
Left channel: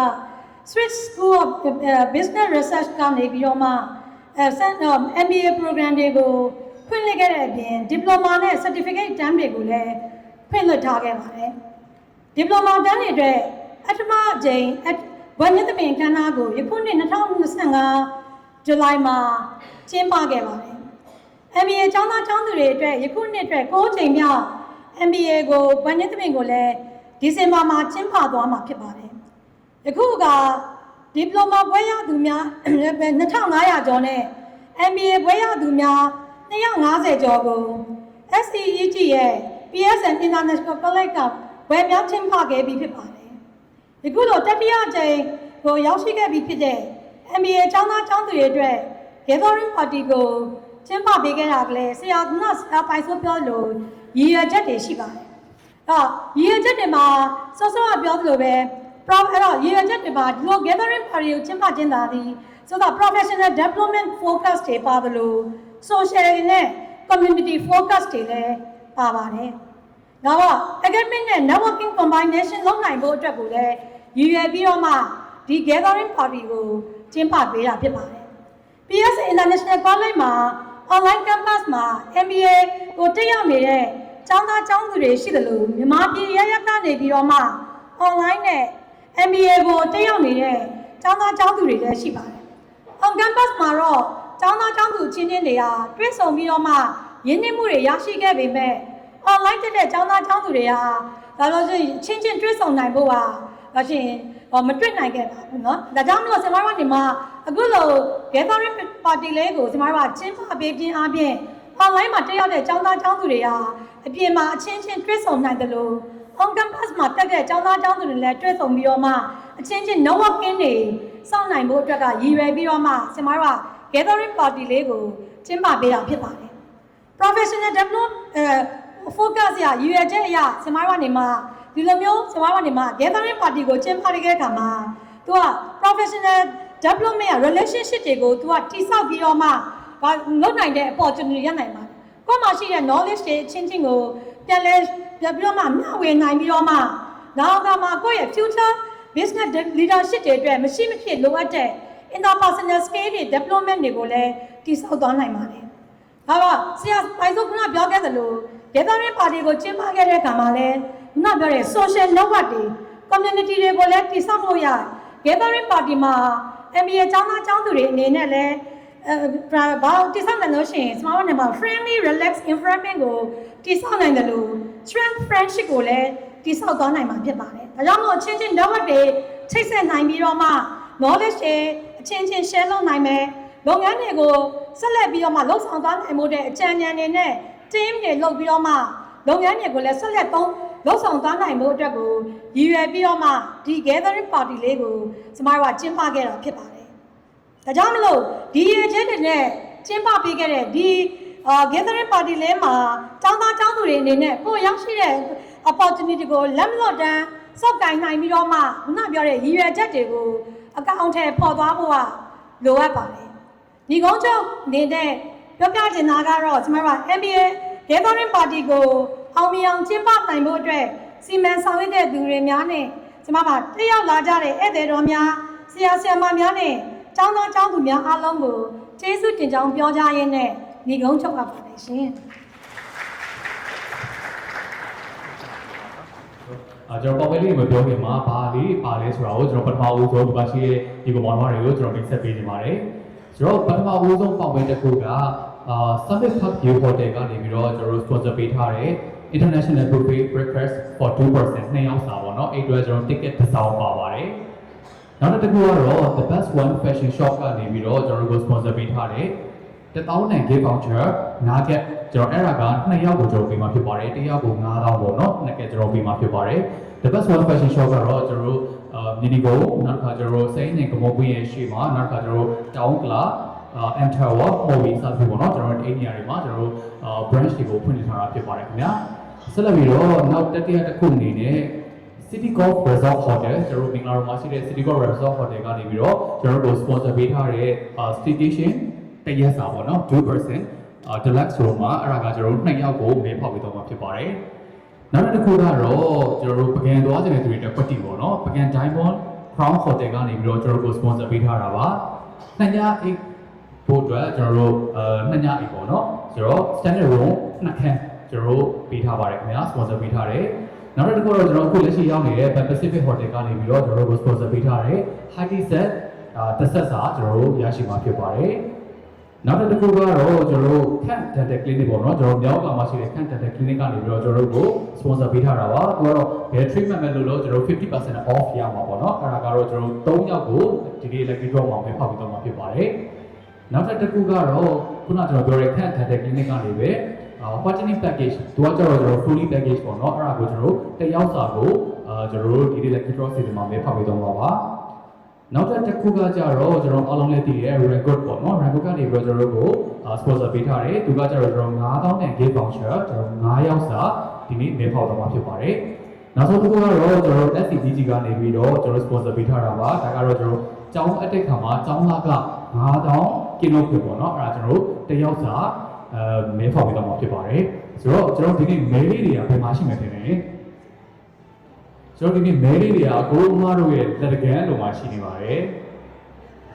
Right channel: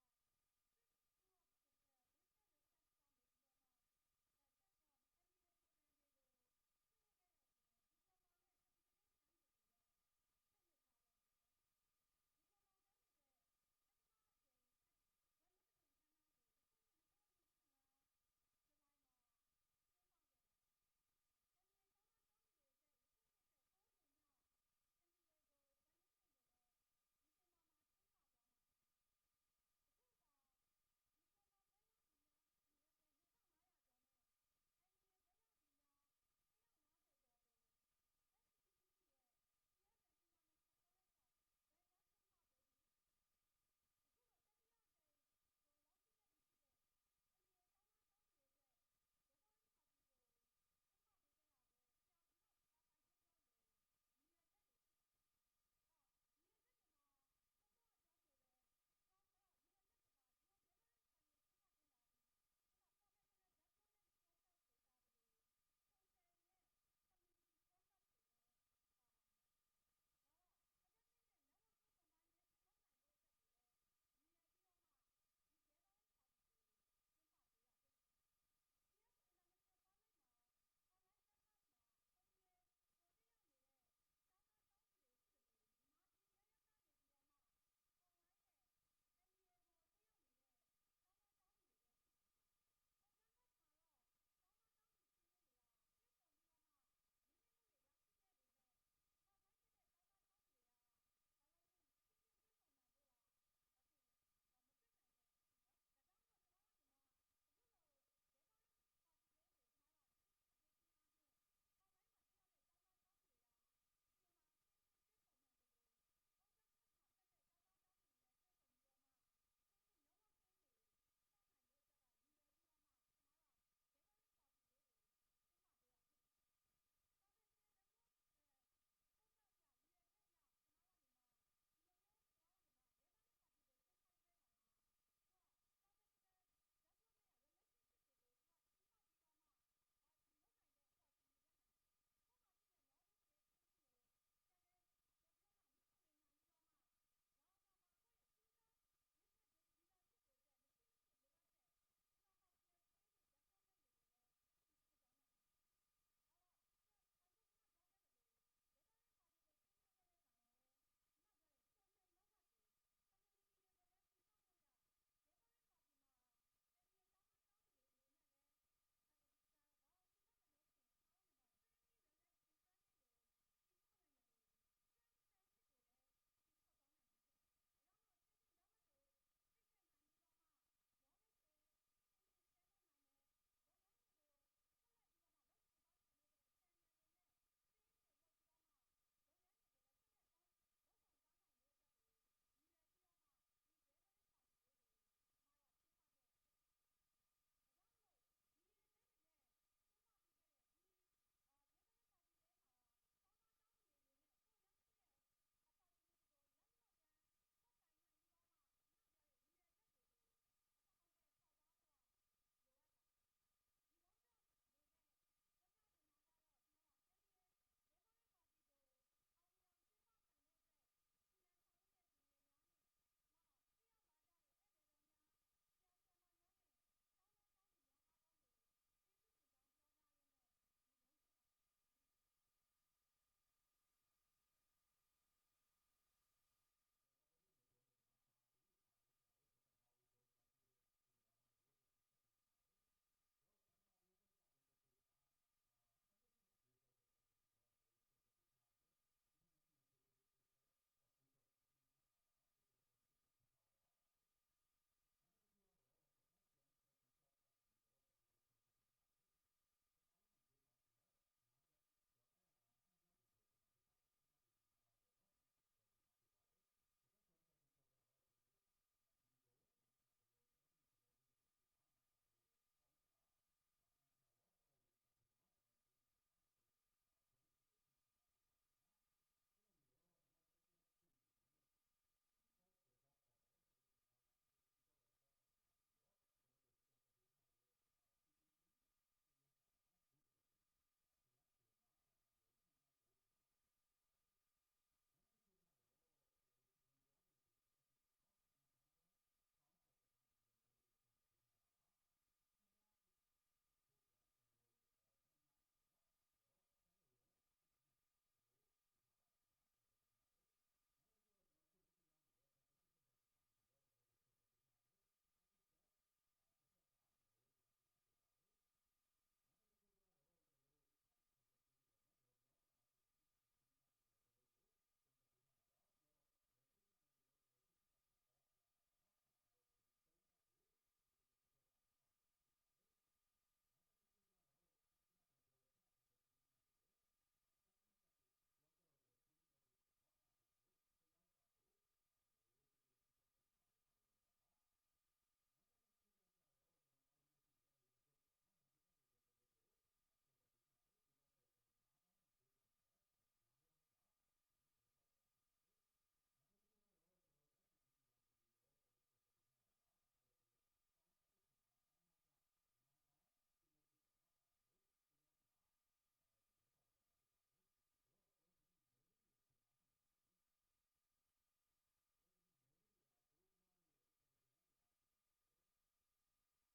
Swiss School of Business Research ကနေပြီးတော့မှMBA program တွေကိုဖွင့်လှစ်ခဲ့တဲ့အပြင် diploma နဲ့ certificate တန်းတွေကိုလည်းဖွင့်လှစ်ထားခဲ့ပါတယ် diploma တန်းတွေအတွက်အထမအကြိမ်ဘွဲ့မြင့်သဘင်ခန်းနာကိုယခုနှစ်2025ဇူလိုင်မှာကျင်းပခဲ့ပါတယ် MBA ကျောင်းသားကျောင်းသူတွေအတွက်ယခုနှစ်အတွက်9ချိန်မြောက် MBA ကိုဘွဲ့မြင့်သဘင်ကိုလည်းဒီဇင်ဘာမှာကျင်းပသွားမှာဖြစ်ပါတယ်ယခုက diploma ဘွဲ့ရသူများ2500ကျော်နဲ့ MBA ဘွဲ့ရသူများ250ကျော်ကို SEEG ရဲ့ PSN International College ကဘွဲ့များကျင်းပခဲ့ပြီးဖြစ်ပါတယ်ယခုလိုတတိယအကြိမ်ကိုရောက်ရှိခဲ့ပြီးဖြစ်တဲ့ MBA ကျောင်းသားကျောင်းသူတွေအတွက် Gathering Party ကိုကျင်းပပေးခဲ့တာကလည်းဆရာကပိုင်စိုးပြောလို့ရည်ရွယ်ချက်တွေရှိပါတယ်ရည်ရွယ်ချက်တွေမှာစောစောကပြောသလိုပဲ အဲ့တော့ရည်ရွယ်ချက်တွေမှာဒီလို Gathering Party ကိုကျင်းပခြင်းသာသည်ဆိုတော့ Professional Development Focus တွေပါသလို Social နဲ့ Community Focus တွေလည်းပါပါတယ်နောက်တော့ Academic နဲ့ Networking Combination လုပ်နိုင်ဖို့အတွက်ကိုလည်းရည်ရွယ်ပြီးတော့မှဒီ Gathering Party ကိုကျင်းပပေးတာဖြစ်ပါတယ် PS International College မှာ online campus မှာ MBA ကိုတက်ရောက်နေတဲ့ကျောင်းသားကျောင်းသူတွေရှိတယ်လို့မြန်မာပြည်ရရကနေပြီးတော့မှ online နဲ့ MBA ကိုတက်ရောက်နေတဲ့ကျောင်းသားကျောင်းသူတွေလည်းရှိပါတယ် on campus မှာတော့ကျောင်းသားကျောင်းသူချင်းချင်းတွေကတွေ့ဆုံပြီးတော့မှရင်းနှီးမှုတွေရရှိခဲ့ပေမဲ့ online တက်တဲ့ကျောင်းသားကျောင်းသူတွေဟာဒါလို့ရှိရင်ချင်းချင်းတွေ့ဆုံနိုင်ဖို့ဟာဒါရှင်မတွေ့နိုင်ခဲ့ပါဘူးเนาะဒါကြောင့်မလို့ဆရာမတို့ဒီမှာအခုလို Gathering Party လေးကိုဆရာမတို့ကျင်းပပေးခြင်းအပြင် online မှာတက်ရောက်တဲ့ကျောင်းသားကျောင်းသူတွေဟာအပြင်မှာအချင်းချင်းတွေ့ဆုံနိုင်တယ်လို့ on campus မှာတက်တဲ့ကျောင်းသားကျောင်းသူတွေလည်းတွေ့ဆုံပြီးတော့မှအချင်းချင်း networking တွေစောင့်နိုင်ဖို့အတွက်ကရည်ရွယ်ပြီးတော့မှဆရာမတို့ Gathering Party လေးကိုကျင်းပပေးတာဖြစ်ပါတယ် Professional Development focus ရရွေချက်အရာဆမတို့ကနေမှဒီလိုမျိုးဆမတို့ကနေမှ gathering party ကိုကျင်းပခဲ့တဲ့အခါမှာသူက professional development ရ relationship တွေကိုသူကတိဆောက်ပြီးတော့မှလုပ်နိုင်တဲ့ opportunity ရနိုင်ပါတယ်ကိုယ်မှာရှိတဲ့ knowledge တွေအချင်းချင်းကိုပြန်ပြီးတော့မှမျှဝေနိုင်ပြီးတော့မှနောက်ကမှကိုယ့်ရဲ့ future business leadership တွေအတွက်မရှိမဖြစ်လိုအပ်တဲ့ interpersonal skill တွေ development တွေကိုလည်းတိဆောက်သွားနိုင်ပါတယ်။ဒါတော့ဆရာပိုင်စုခုနပြောခဲ့သလို gathering party ကိုကျင်းပခဲ့တဲ့အခါမှာလည်းခုနပြောတဲ့ social network တွေ community တွေကိုလည်းတိဆောက်လို့ရတယ်။ gathering party မှာ MBA ကျောင်းသားကျောင်းသူတွေအနေနဲ့လည်းဘာတိဆောက်နိုင်လို့ရှိရင် small နဲ့မှာ friendly relax environment ကိုတိဆောက်နိုင်တယ်လို့ strength friendship ကိုလည်းတိဆောက်သွားနိုင်မှာဖြစ်ပါတယ်။ဒါကြောင့်မို့အချင်းချင်း network တွေချိတ်ဆက်နိုင်ပြီးတော့မှ knowledge တွေအချင်းချင်း share လုပ်နိုင်မယ်။လုပ်ငန်းတွေကိုဆက်လက်ပြီးတော့မှလှုပ်ဆောင်သွားနိုင်မှုတဲ့အကြံဉာဏ်တွေနဲ့ team တွေလုပ်ပြီးတော့မှလုပ်ငန်းတွေကိုလည်းဆက်လက်လှုပ်ဆောင်သွားနိုင်မှုအတွက်ကိုရည်ရွယ်ပြီးတော့မှဒီ gathering party လေးကိုကျမတို့ကကျင်းပခဲ့တာဖြစ်ပါတယ်။ဒါကြောင့်မလို့ဒီရည်ချက်တွေနဲ့ကျင်းပပေးခဲ့တဲ့ဒီ gathering party လေးမှာကျောင်းသားကျောင်းသူတွေအနေနဲ့ကိုရောက်ရှိတဲ့ opportunity ကိုလက်မလွတ်တမ်းစောင့်ကိုင်နိုင်ပြီးတော့မှခုနပြောတဲ့ရည်ရွယ်ချက်တွေကိုအကောင့်ထဲပေါ်သွားဖို့ကလိုအပ်ပါတယ်။ဒီကုန်းချုပ်နေတဲ့ပြောပြချင်တာကတော့ကျမတို့က MBA gathering party ကိုအောင်မြင်အောင်ကျင်းပနိုင်ဖို့အတွက်စီမံဆောင်ရွက်တဲ့သူတွေများနဲ့ကျမတို့တက်ရောက်လာကြတဲ့ဧည့်သည်တော်များဆရာဆရာမများနဲ့ကျောင်းသားကျောင်းသူများအားလုံးကိုကျေးဇူးတင်ကြောင်းပြောကြရင်းနဲ့ဒီကုန်းချုပ်အပ်ပါတယ်ရှင်။ကျွန်တော်ပေါ်ပလေးမပြောခင်မှာဘာလေးပါလဲဆိုတာကိုကျွန်တော်ပထမဦးဆုံးဒီပါရှိတဲ့ဒီကမောင်မောင်တွေကိုကျွန်တော်တင်ဆက်ပေးနေပါတယ်။ကျွန်တော်ပထမဦးဆုံးပေါက်ပွဲတစ်ခုကSummit Hub View Hotel ကနေပြီးတော့ကျွန်တော်တို့ sponsor ပေးထားတဲ့ International Buffet Breakfast for 2% နှစ်ယောက်စာပေါ့နော်အဲ့အတွက်ကျွန်တော် ticket တစ်စောင်းပါပါတယ်။နောက်တစ်ခုကတော့ The Best One Fashion Shop ကနေပြီးတော့ကျွန်တော်တို့ sponsor ပေးထားတဲ့1000 gift voucher 9get ကျွန်တော်အဲ့ဒါက2ယောက်ကိုကျွန်တော်ပေးမှာဖြစ်ပါတယ်။တစ်ယောက်ကို9000ပေါ့နော်2get ကျွန်တော်ပေးမှာဖြစ်ပါတယ်။ The Best One Fashion Shop ကတော့ကျွန်တော်တို့Minigo နောက်တစ်ခါကျွန်တော်တို့စိန်နဲ့ကမောပွင့်ရဲ့ရှေ့မှာနောက်တစ်ခါကျွန်တော်တို့ Town Club Enter Walk Movie စသဖြင့်ပေါ့နော်ကျွန်တော်တို့ area တွေမှာကျွန်တော်တို့branch တွေကိုဖွင့်လှစ်ထားတာဖြစ်ပါတယ်ခင်ဗျာဆက်လက်ပြီးတော့နောက်တတိယတစ်ခုအနေနဲ့ City Golf Resort Hotel ကျွန်တော်တို့မင်္ဂလာတော်မှာရှိတဲ့ City Golf Resort Hotel ကနေပြီးတော့ကျွန်တော်တို့ sponsor ပေးထားတဲ့ staycation တရက်စာပေါ့နော် 2% deluxe room မှာအဲ့ဒါကကျွန်တော်တို့2ယောက်ကိုမဲဖောက်ပေးတော့မှာဖြစ်ပါတယ်နောက်တစ်ခုကတော့ကျွန်တော်တို့ပကံသွားတဲ့သူတွေတက်ပတ်တီပေါ့နော်ပကံ Diamond Crown Hotel ကနေပြီးတော့ကျွန်တော်တို့ sponsor ပေးထားတာပါ2ညအိတ်ဖို့အတွက်ကျွန်တော်တို့2ညအိတ်ပေါ့နော်ဆိုတော့ standard room 2ခန်းကျွန်တော်တို့ပေးထားပါတယ်ခင်ဗျာ sponsor ပေးထားတယ်နောက်တစ်ခုတော့ကျွန်တော်အခုလက်ရှိရောက်နေတဲ့ Pacific Hotel ကနေပြီးတော့ကျွန်တော်တို့ sponsor ပေးထားတဲ့ High Tea Set တစ်ဆက်စာကျွန်တော်တို့ရရှိမှာဖြစ်ပါတယ်နောက်တစ်ခုကတော့ကျွန်တော်တို့ခန့် dental clinic ပေါ့နော်ကျွန်တော်မြောက်ကမှာရှိတဲ့ခန့် dental clinic ကနေပြီးတော့ကျွန်တော်တို့ကို sponsor ပေးထားတာပါသူကတော့ဘယ် treatment မဲ့လို့ကျွန်တော်တို့ 50% off ရမှာပေါ့နော်အဲ့ဒါကတော့ကျွန်တော်တို့3ယောက်ကိုဒီနေ့ lucky draw မှာပဲဖောက်ပြီးတော့မှာဖြစ်ပါတယ်နောက်တစ်ခုကတော့ခုနကျွန်တော်ပြောတဲ့ခန့် dental clinic ကနေပဲpartnering package သူကကျတော့ကျွန်တော် fully package ပေါ့နော်အဲ့ဒါကိုကျွန်တော်တို့တစ်ယောက်စာကိုကျွန်တော်တို့ဒီနေ့ lucky draw စီစဉ်မှာပဲဖောက်ပြီးတော့မှာပါနောက်တစ်ခုကကြတော့ကျွန်တော်အားလုံးလည်းသိတဲ့ record ပေါ့နော် record ကနေပြီးတော့ကျွန်တော်တို့ကို sponsor ပေးထားတယ်သူကကြတော့ကျွန်တော်9000နဲ့ gift voucher ကျွန်တော်9ယောက်စာဒီနေ့မဲဖောက်တော့မှာဖြစ်ပါတယ်နောက်ဆုံးတစ်ခုကတော့ကျွန်တော် SCDG ကနေပြီးတော့ကျွန်တော် sponsor ပေးထားတာပါဒါကတော့ကျွန်တော်ကျောင်းအတက်ခါမှာကျောင်းသားက9000ကီလိုဖြစ်ပေါ့နော်အဲ့ဒါကျွန်တော်တစ်ယောက်စာမဲဖောက်ပေးတော့မှာဖြစ်ပါတယ်ဆိုတော့ကျွန်တော်ဒီနေ့မဲလေးတွေကဘယ်မှာရှိမှထင်တယ်ကျွန်တော်ဒီနေ့မဲလေးတွေကကိုအမားတို့ရဲ့လက်တကန်းလိုမှာရှိနေပါတယ်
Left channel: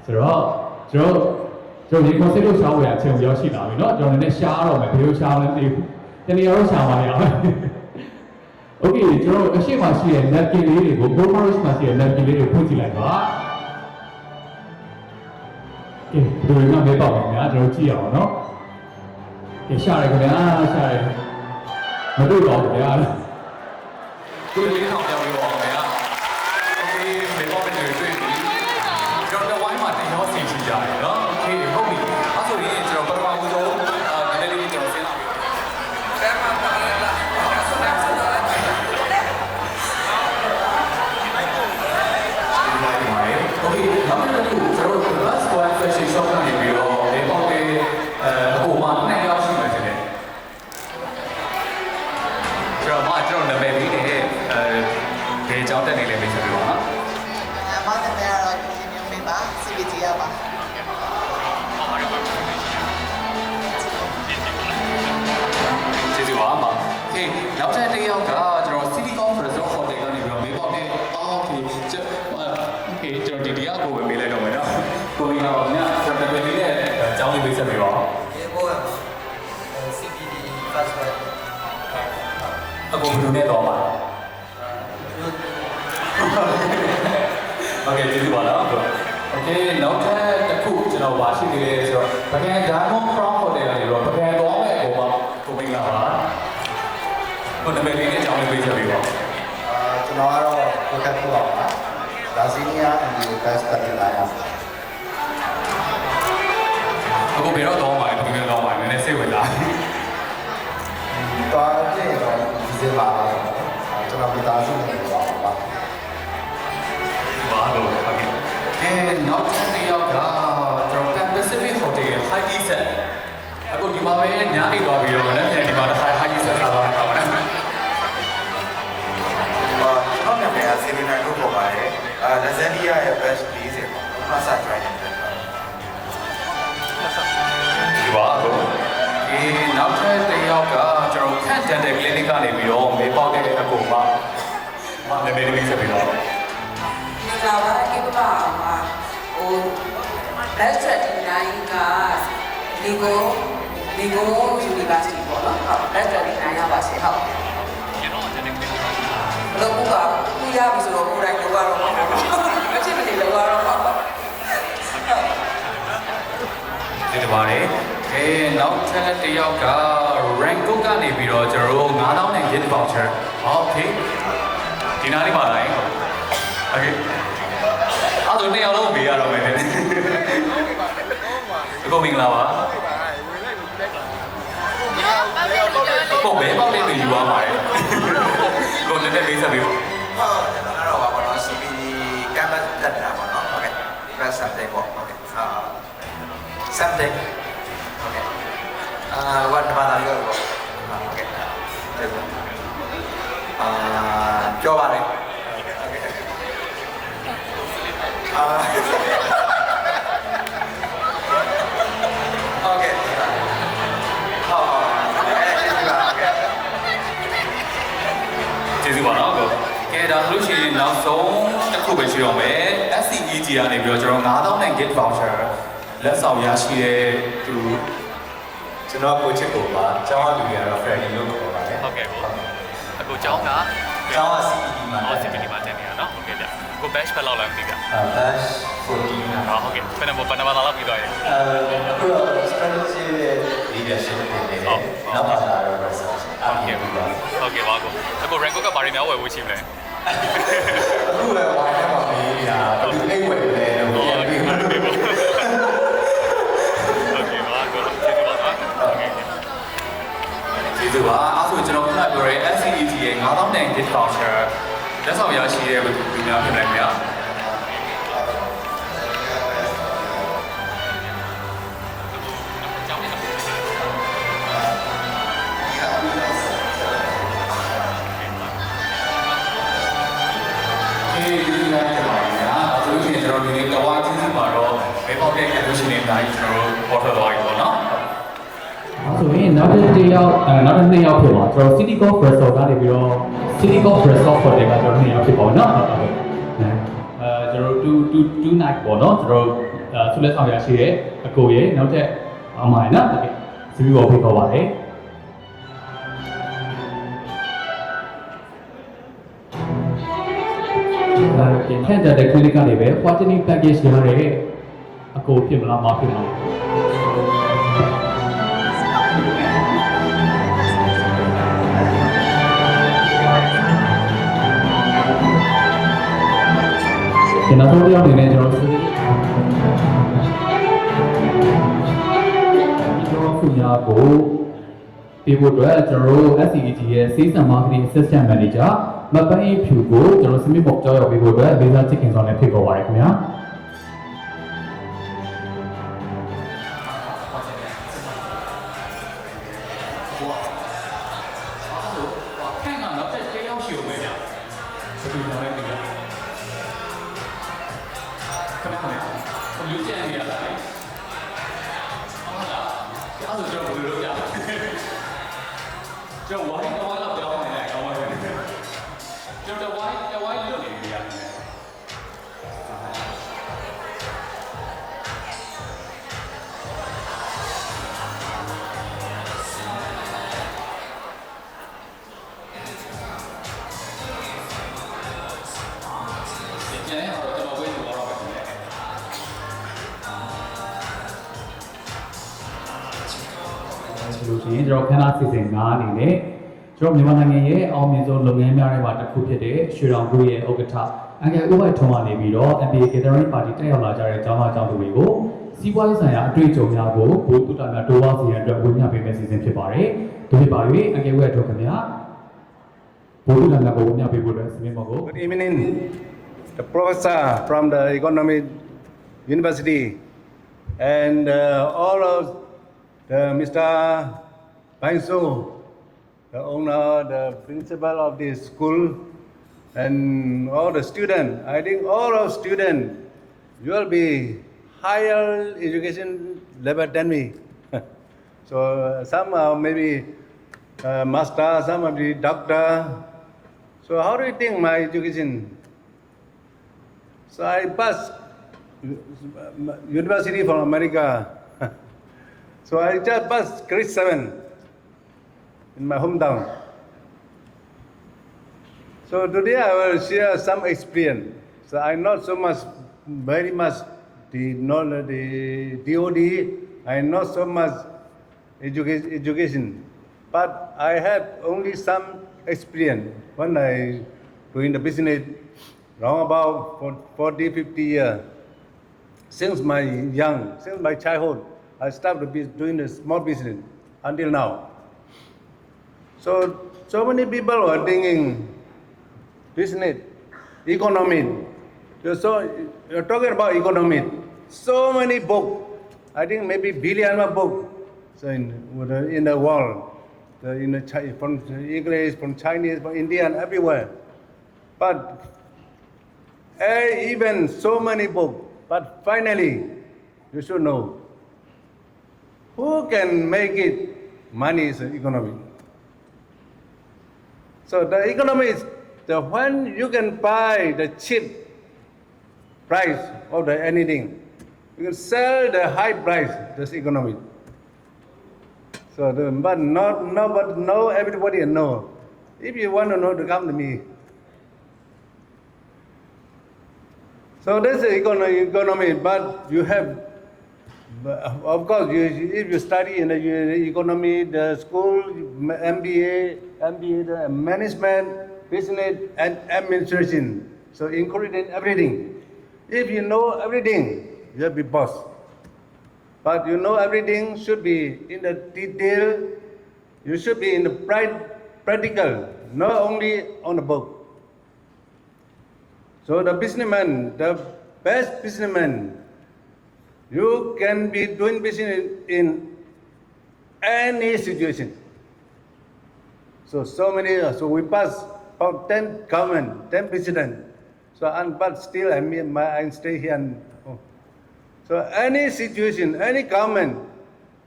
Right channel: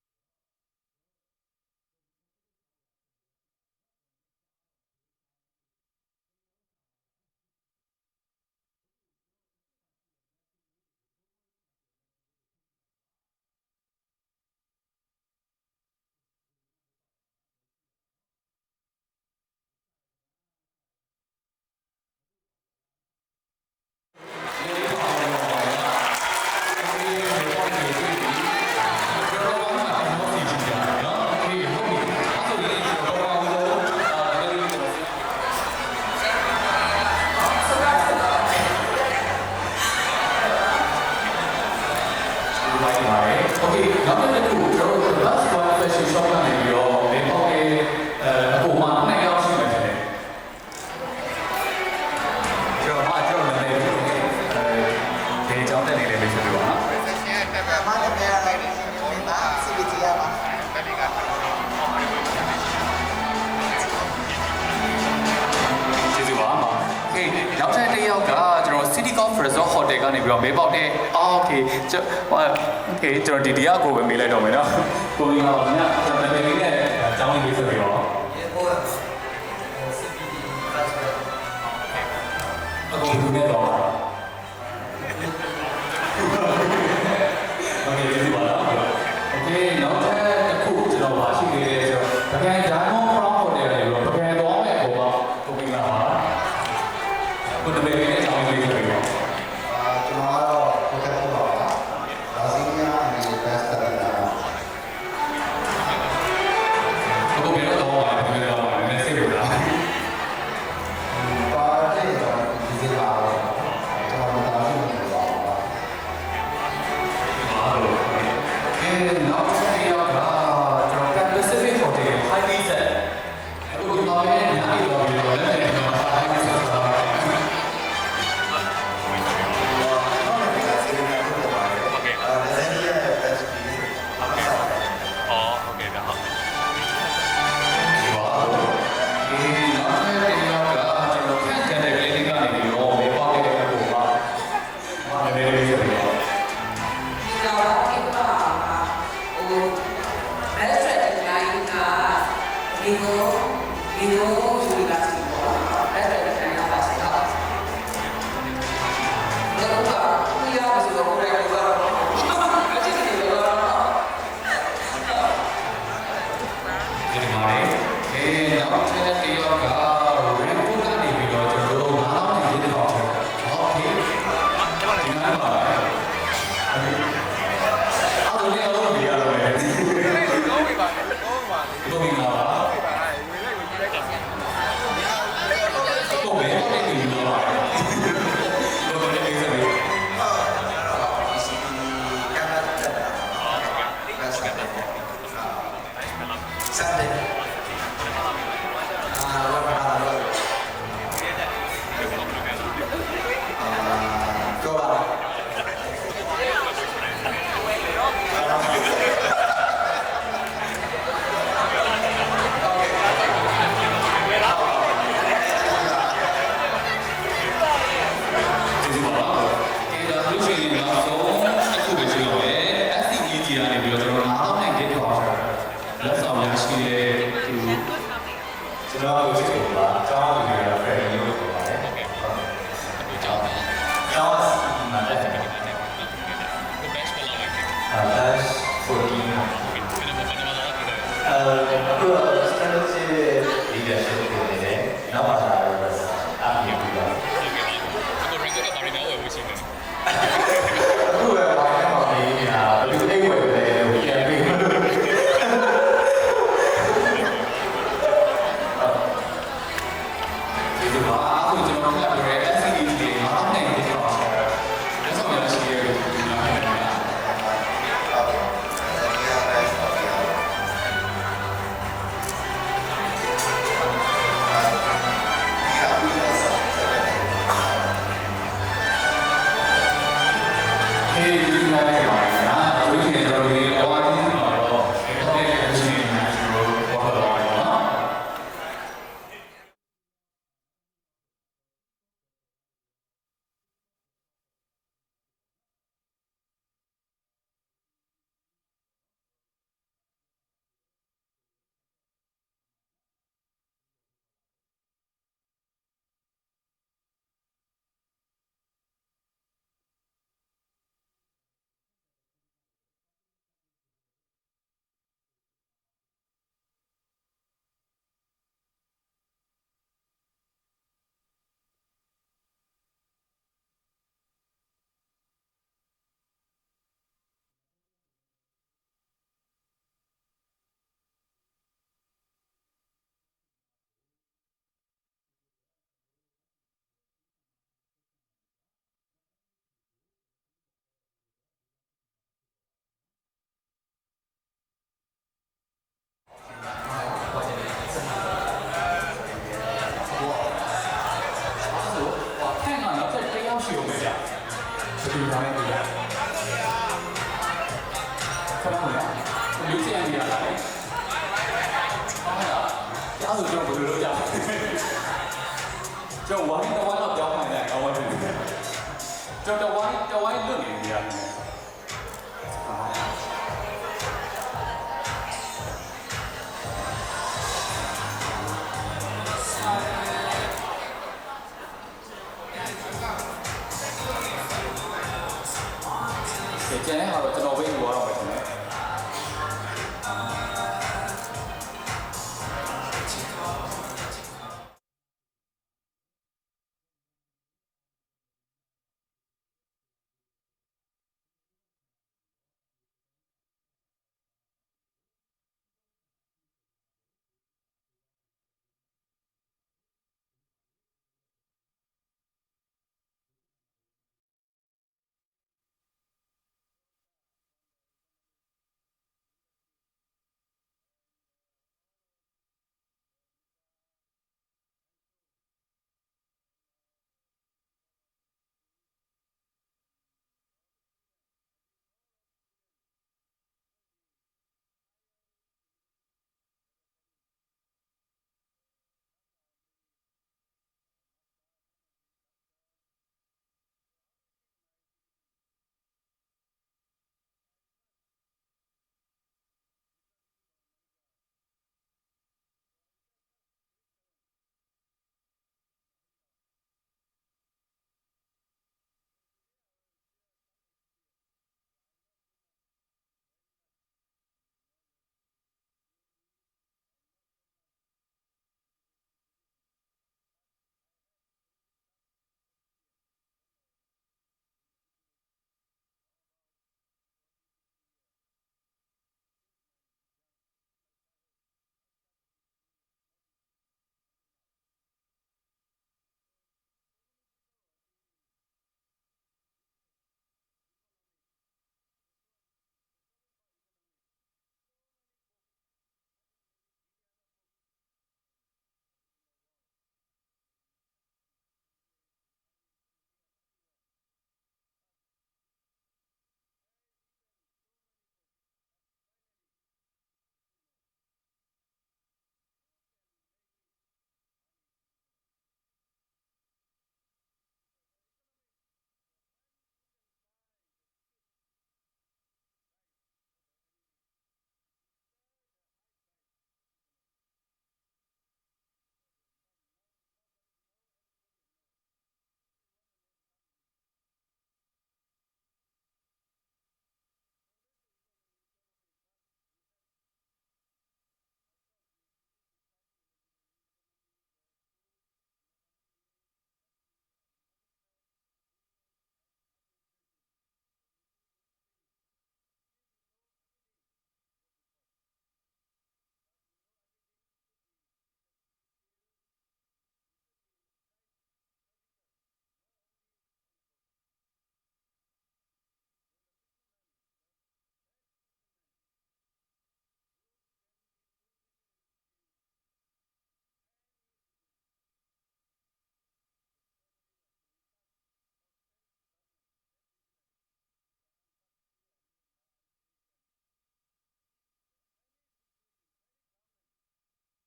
ဆိုတော့ကျွန်တော်ဒီ concept ကိုရှားဝယ်အချိန်ရောက်ရှိလာပြီเนาะကျွန်တော်လည်းရှားတော့မယ်ဘယ်လိုရှားလဲမသိဘူးတနေ့ရောရှားပါရအောင် Okay ကျွန်တော်အရှိမရှိတဲ့ napkin လေးတွေကို Bomarus မှာရှိတဲ့ napkin လေးတွေကိုဖွင့်ကြည့်လိုက်ပါကဲဒီလိုမျိုးမဲပေါက်ပါများကျွန်တော်ကြည့်အောင်เนาะကဲရှားရခင်ဗျာရှားရမတွေ့တော့ဘူးဗျာဒီလိုမျိုးပါတော့ဗျာဒီလိုမျိုးပါနေပြီကျွန်တော်ဘာမှမလုပ်ချင်ကြတာเนาะဒီဟုတ်ပြီအဲ့ဆိုရင်ကျွန်တော်ဘာမှမလုပ်အဲ့ဒီကျွန်တော်Okay, now we're going to do the last one fashion shopကနေပြီးတော့ဒီပေါက်လေးအပေါ်မှာ2ယောက်ရှိမှတယ် မိတ်ဆက်ပေးပါနော် မတ်တဲ့ကတော့ရှင်ညမေးပါ CBT ရပါ ကျေးဇူးပါအမโอเคနောက်ထပ်တစ်ယောက်ကကျွန်တော် City Golf Resort Hotel ကနေပြီးတော့မေးပေါက်တဲ့โอเคကျွန်တော်ဒီတရားကိုပဲမေးလိုက်တော့မယ်နော်ကိုမင်္ဂလာပါခင်ဗျာကျွန်တော်လည်းလေးနဲ့အကြောင်းလေးပေးဆက်ပြီးတော့ ဒီဘော CBT first အကုန်လူနဲ့တော့ပါโอเคကျေးဇူးပါနော်โอเคနောက်ထပ်တစ်ခုကျွန်တော်ပါရှိနေတယ်ဆိုတော့ပကံ Diamond Crown Hotel ကနေပြီးတော့ပကံတော့မဲ့ပုံပေါ့ကိုမင်္ဂလာပါကိုတမီလေးနဲ့အကြောင်းလေးဆက်ပြီးတော့ ကျွန်တော်ကတော့ဘက်ကပ်ပေါ့ပါဒါစီနီယာအန်ဒီဘက်စတာလာပါ အခုဘယ်တော့တော့ပါလဲဘယ်တော့ပါလဲနည်းစိတ်ဝင်လား တော်တယ်တော့ဒီစပါကျွန်တော်မသားစုနေပါပါ ဘာလို့အဲနောက်တစ်ယောက်ကကျွန်တော် Pacific Hotel Highly Set အခုဒီမှာပဲညားနေတော့ပြီးတော့လည်းဒီမှာ Highly Set လာတော့ ဟုတ်တယ်ကစီနီယာကိုပေါ်ပါတယ်လက်စနီယာရဲ့ best piece အစားပဲ ဒီပါတော့ဒီနောက်တစ်ယောက်ကကျွန်တော်ခန့်တန်တဲ့ clinic ကနေပြီးတော့မေးပေါက်တဲ့အကူပါမနည်းနည်းလေးဆက်ပြီးတော့ เราคิดว่าโอ้แบสเซ็ตไงนะลิโก้ยูนิเวอร์ซิตี้ပေါ့နော်แบสเซ็ตไงนะပါစေဟုတ်တော့ကသူရမဆိုတော့ကိုယ်တိုင်ကတော့အချစ်တွေကတော့ ဒီမှာနောက်ထပ်တစ်ယောက်က Rango ကနေပြီးတော့ကျွန်တော်တို့9000နဲ့ gift voucher โอเคဒီနားလေးပါလိုက်โอเคအဲ့ဒါနှစ်ယောက်လုံးပေးရတော့မယ်လေကိုမင်္ဂလာပါကိုဘယ်မှာလဲယူပါပါကိုလည်းလေးစားပြီး ဟုတ်ကျွန်တော်ကတော့ CBT ကမ်းလက်တက်တာပါနော်ဒီဘက်စတဲ့ပေါ့စတဲ့what about you ပြောပါလေကျေးဇူးပါတော့ကဲဒါဆိုလို့ရှိရင်နောက်ဆုံးတစ်ခုပဲရှိတော့မယ် SCEG ကနေပြီးတော့ကျွန်တော်9000နဲ့ gift voucher လက်ဆောင်ရရှိတဲ့သူ ကျွန်တော်ကိုချစ်ကိုပါကျောင်းလူတွေကတော့ friendly လို့ပြောပါတယ်ဟုတ်ကဲ့အခုကျောင်းက CED မှာတက်တယ်နော်ကို batch ဘယ်လောက်လဲbatch 14ပါဟုတ်ကဲ့ဘယ်မှာဘာသာလောက်ပြတော့အခုတော့ strategy leadership တွေနေတယ်နောက်ပါလာတော့ research အပြည့်ပြီးပါဟုတ်ကဲ့ပါအခု rank ကဘာတွေများဝယ်ဝေးချင်းလဲအခုလည်းဝိုင်းထဲမှာပြီးနေတာဘယ်သူအိတ်ဝယ်လဲပြန်ပြီးဒီလိုပါအခုကျွန်တော်ကပြောရဲ SCEG ရဲ့9000နဲ့ gift voucher လက်ဆောင်ရရှိတဲ့လူများဖြစ်နေကြတယ်နောက်တစ်တစ်ယောက်နောက်တစ်နှစ်ယောက်ဖြစ်ပါကျွန်တော် City Golf Resort ကနေပြီးတော့ City Golf Resort Hotel ကကျွန်တော်နှစ်ယောက်ဖြစ်ပါတော့เนาะကျွန်တော်2 night ပေါ့เนาะကျွန်တော်ဆုလက်ဆောင်ရရှိတဲ့အကိုရေနောက်ထပ်အမိုင်เนาะစီပြီးပေါ်ဖိတ်ခေါ်ပါတယ်ခန့်တဲ့ clinic ကနေပဲ quarterly package ရတဲ့အကိုဖြစ်မလားမဖြစ်မလားကျွန်တော်တို့ပြောနေတယ်ကျွန်တော်ခုညာကိုပေးဖို့အတွက်ကျွန်တော်တို့ SCEG ရဲ့ Sales and Marketing Assistant Manager မပန်းဖြူကိုကျွန်တော်စမစ်ပေါ်ကြောက်ရောက်ပေးဖို့အတွက်လေးစားချစ်ခင်ဆောင်နဲ့ဖိတ်ခေါ်ပါရခင်ဗျာဒီ ကျန်တော့ကျွန်တော်ဝေးလို့ရတော့တယ်လို့ရှိရင်ကျွန်တော်ခန္ဓာစီစဉ်9အနေနဲ့ကျွန်တော်မြန်မာနိုင်ငံရဲ့အောင်မြင်ဆုံးလုပ်ငန်းများထဲမှာတစ်ခုဖြစ်တဲ့ရွှေတောင်ဂရုရဲ့ဥက္ကဋ္ဌအန်ကယ်ဦးဝိုက်ထွန်းကနေပြီးတော့ MBA Gathering Party တက်ရောက်လာကြတဲ့ကျောင်းသားကျောင်းသူတွေကိုစီးပွားရေးဆိုင်ရာအတွေ့အကြုံများကိုဘိုးတူတာများတိုးပွားစေရန်အတွက်ဝေမျှပေးမယ့်စီစဉ်ဖြစ်ပါတယ်။ဒီနေ့ပါ၍အန်ကယ်ဦးရဲ့အတွက်ခင်ဗျာဘိုးတူတာများကိုဝေမျှပေးဖို့အတွက်စီမံမှုကို Good evening, the professor from the Economic University and all of the Mr. Bainso, the owner, the principal of this school, and all the students. I think all of students, you will be higher education level than me. So some are maybe master, some are the doctor. So how do you think my education? So I passed university from America. So I just passed grade 7 in my hometown. So today I will share some experience. So I not so much, very much the knowledge, the DOD. I not so much education, but I have only some experience when I doing the business around about 40, 50 years. Since my childhood, I started doing the small business until now. So many people are thinking business, economy. You're talking about economy. So many books. I think maybe billion of books in the world. From English, from Chinese, from Indian, everywhere. But even so many books. But finally, you should know who can make it. Money is the economy. So the economy is when you can buy the cheap price of the anything. You can sell the high price. That's economy. So, but no, everybody know. If you want to know, to come to me. So that's the economy, but you have, of course, if you study in the economy, the school, MBA, the management, business, and administration. So including everything. If you know everything, you will be boss. But you know everything should be in the detail. You should be in the practical, not only on the book. So the businessman, the best businessman, you can be doing business in any situation. So we pass about 10 government, 10 president. So but still I stay here. So any situation, any government,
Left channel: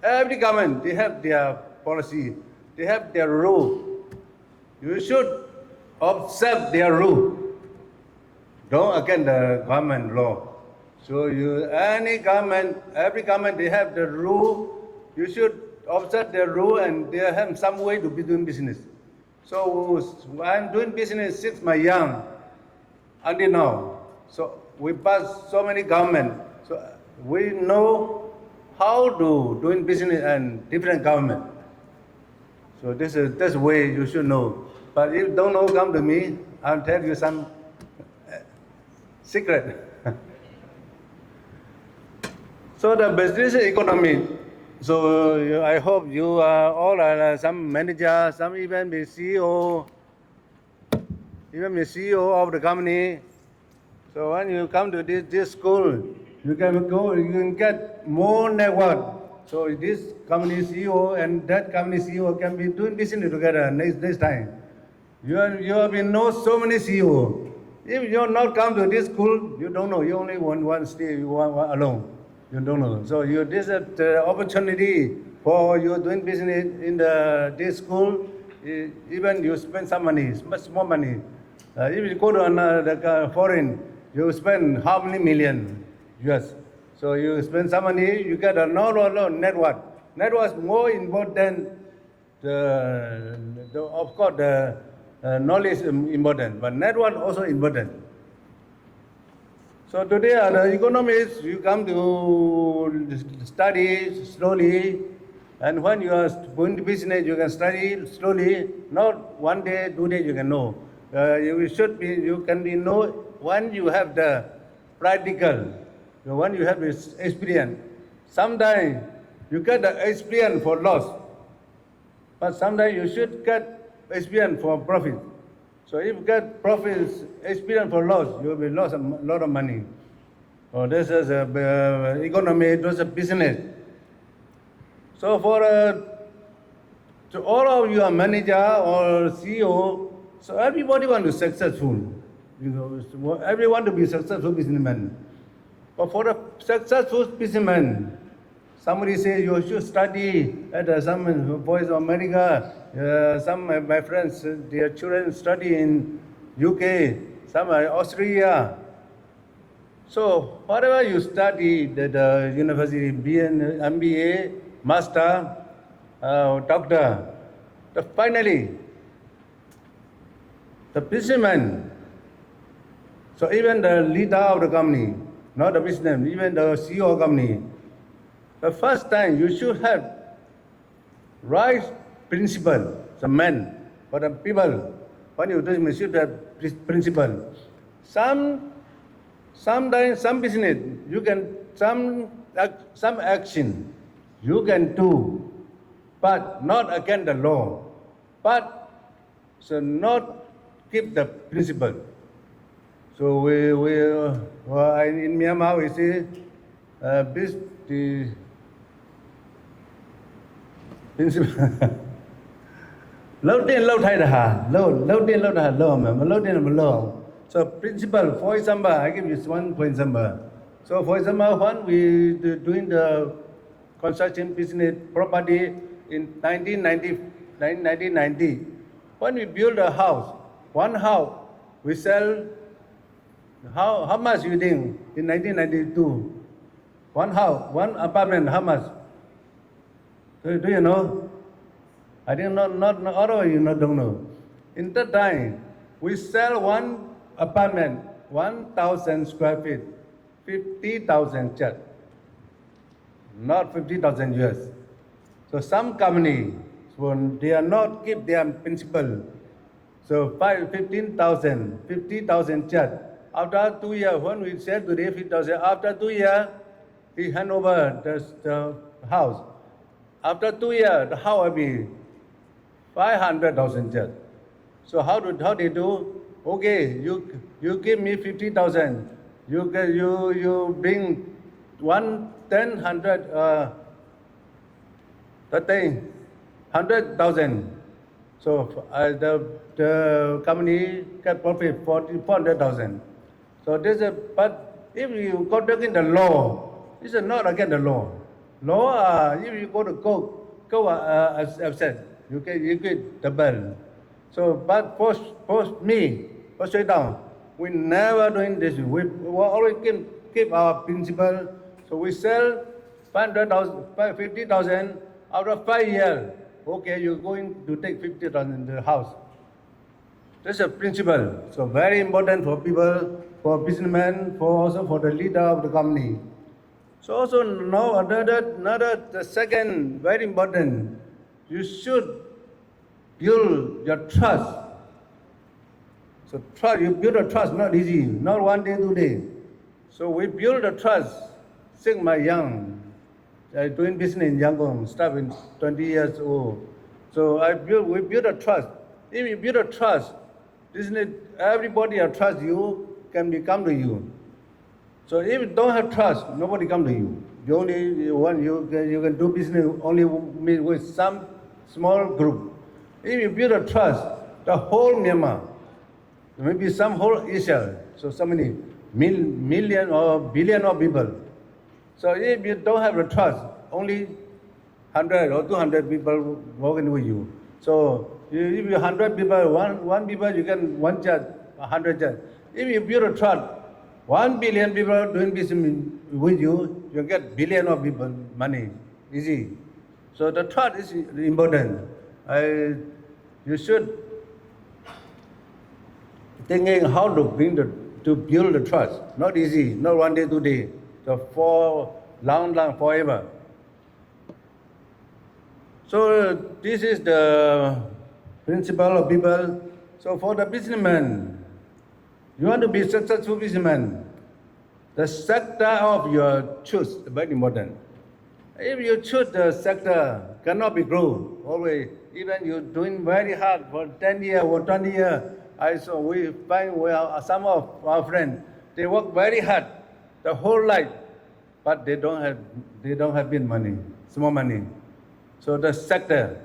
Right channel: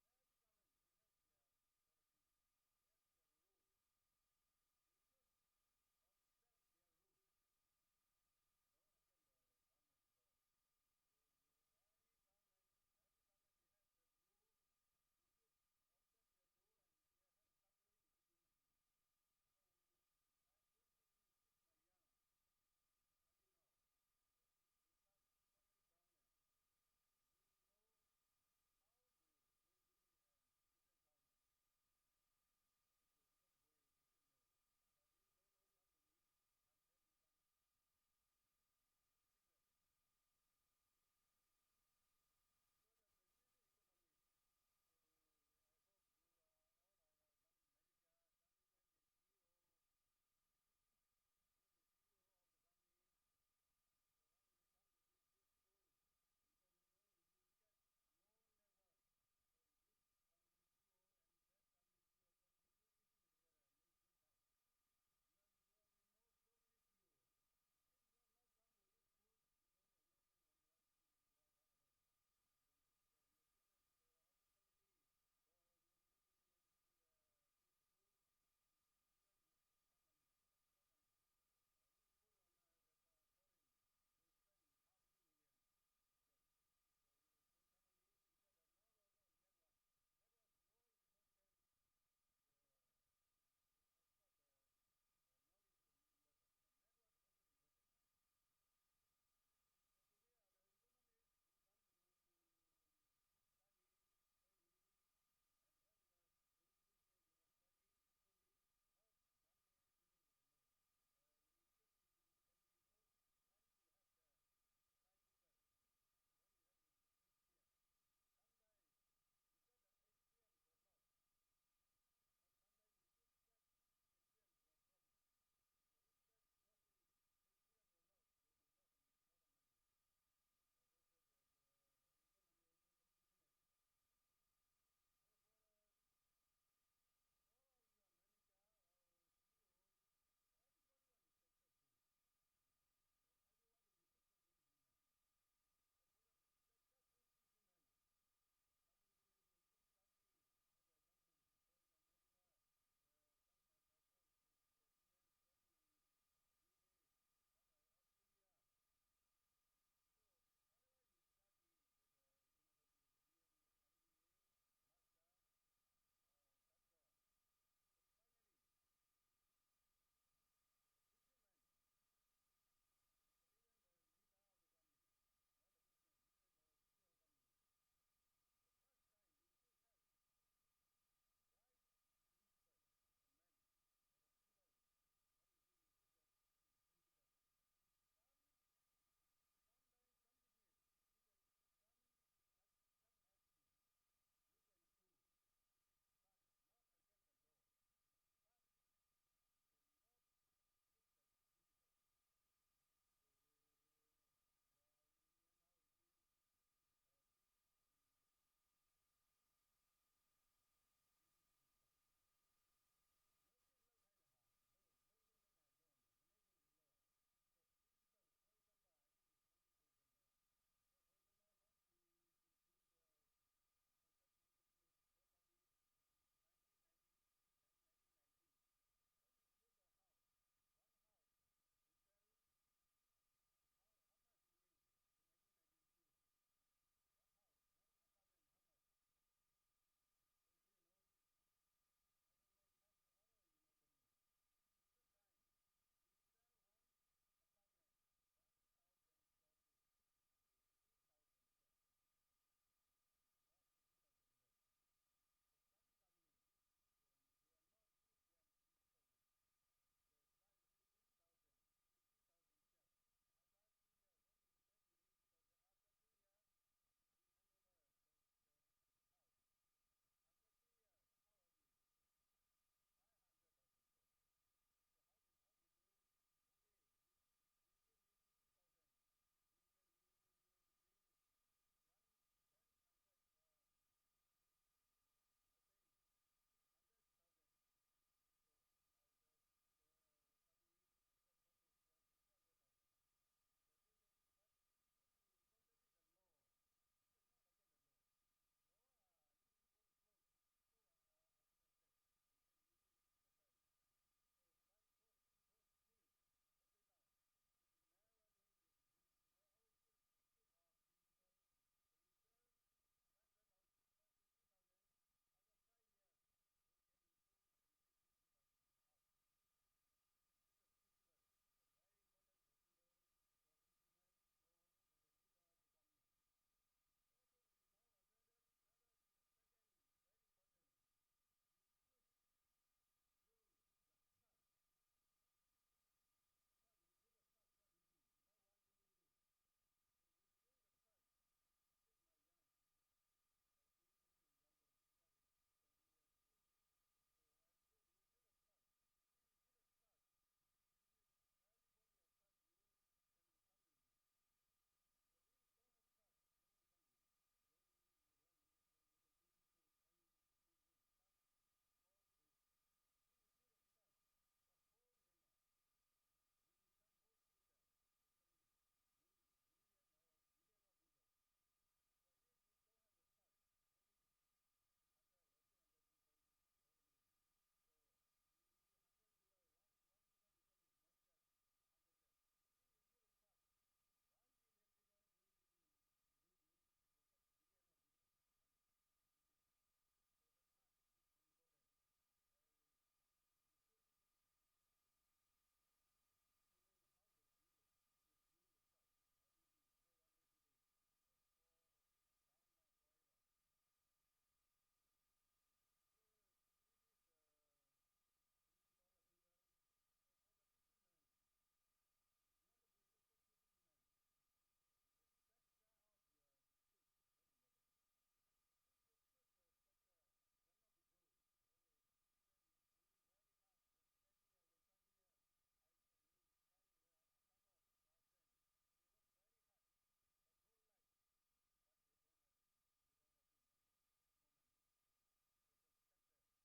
every government, they have their policy, they have their rule. You should observe their rule. Don't against the government law. So every government, they have the rule. You should observe their rule and they have some way to be doing business. So I'm doing business since my young until now. So we pass so many government. So we know how to doing business and different government. So that's the way you should know. But if you don't know, come to me. I'll tell you some secret. So the business economy. So I hope you all are some manager, some even the CEO, even the CEO of the company. So when you come to this school, you can get more network. So this company CEO and that company CEO can be doing business together next time. You have been know so many CEO. If you not come to this school, you don't know. You only one stay, you one alone. You don't know. So this is the opportunity for you doing business in this school. Even you spend some money, much more money. If you go to another foreign, you spend how many million US. So you spend some money, you get a network. Network is more important. Of course, the knowledge is important, but network also important. So today the economists, you come to study slowly, and when you are going to business, you can study slowly. Not 1 day, 2 days you can know. You can be know when you have the practical, when you have this experience. Sometimes you get the experience for loss, but sometimes you should get experience for profit. So if you get profit experience for loss, you will lose a lot of money. So this is economy, this is business. So for to all of you are manager or CEO, so everybody want to be successful. Everyone to be successful businessman. But for a successful businessman, somebody says you should study at some Voice of America. Some of my friends, their children study in UK, some are Australia. So whatever you study at the university, MBA, master, doctor, finally, the businessman, so even the leader of the company, not the businessman, even the CEO of the company, the first time you should have right principle, the man, for the people, when you do you should have principle. Sometimes some business, you can, some action you can do, but not against the law, but so not keep the principle. So in Myanmar we say the principle. So principle, for example, I give you one for example. So for example, when we doing the construction business property in 1990, when we build a house, one house, we sell, how much you think in 1992? One house, one apartment, how much? Do you know? I think not all of you don't know. In that time, we sell one apartment, 1,000 square feet, 50,000 kyat, not 50,000 US. So some company, when they are not keep their principle, so 50,000 kyat. After 2 years, when we sell today 50,000, after 2 years, we hand over the house. After 2 years, the house will be 500,000 kyat. So how they do? Okay, you give me 50,000. You bring 100,000. So the company get profit 400,000. So this is, but if you go against the law, this is not against the law. Law, if you go to go upset, you get double. So, but for me, for straight down, we never doing this. We always keep our principle. So we sell 50,000 after 5 years. Okay, you're going to take 50,000 in the house. That's a principle. So very important for people, for businessmen, also for the leader of the company. So also now the second very important, you should build your trust. So trust, you build a trust, not easy, not 1 day, 2 days. So we build a trust since my young. I doing business in Yangon, started 20 years old. So we build a trust. If you build a trust, business, everybody will trust you, can come to you. So if you don't have trust, nobody come to you. You only one you can do business only with some small group. If you build a trust, the whole Myanmar, maybe some whole Asia, so many million or billion of people. So if you don't have a trust, only 100 or 200 people working with you. So if you 100 people, one people you can one judge, 100 judge. If you build a trust, 1 billion people doing business with you, you get billion of people money, easy. So the trust is important. You should thinking how to bring the to build the trust. Not easy, not one day, 2 days. So for long, forever. So this is the principle of people. So for the businessman, you want to be successful businessman, the sector of your choice is very important. If you choose the sector, cannot be grow always. Even you're doing very hard for 10 years or 20 years. I saw we find some of our friends, they work very hard the whole life, but they don't have big money, small money. So the sector,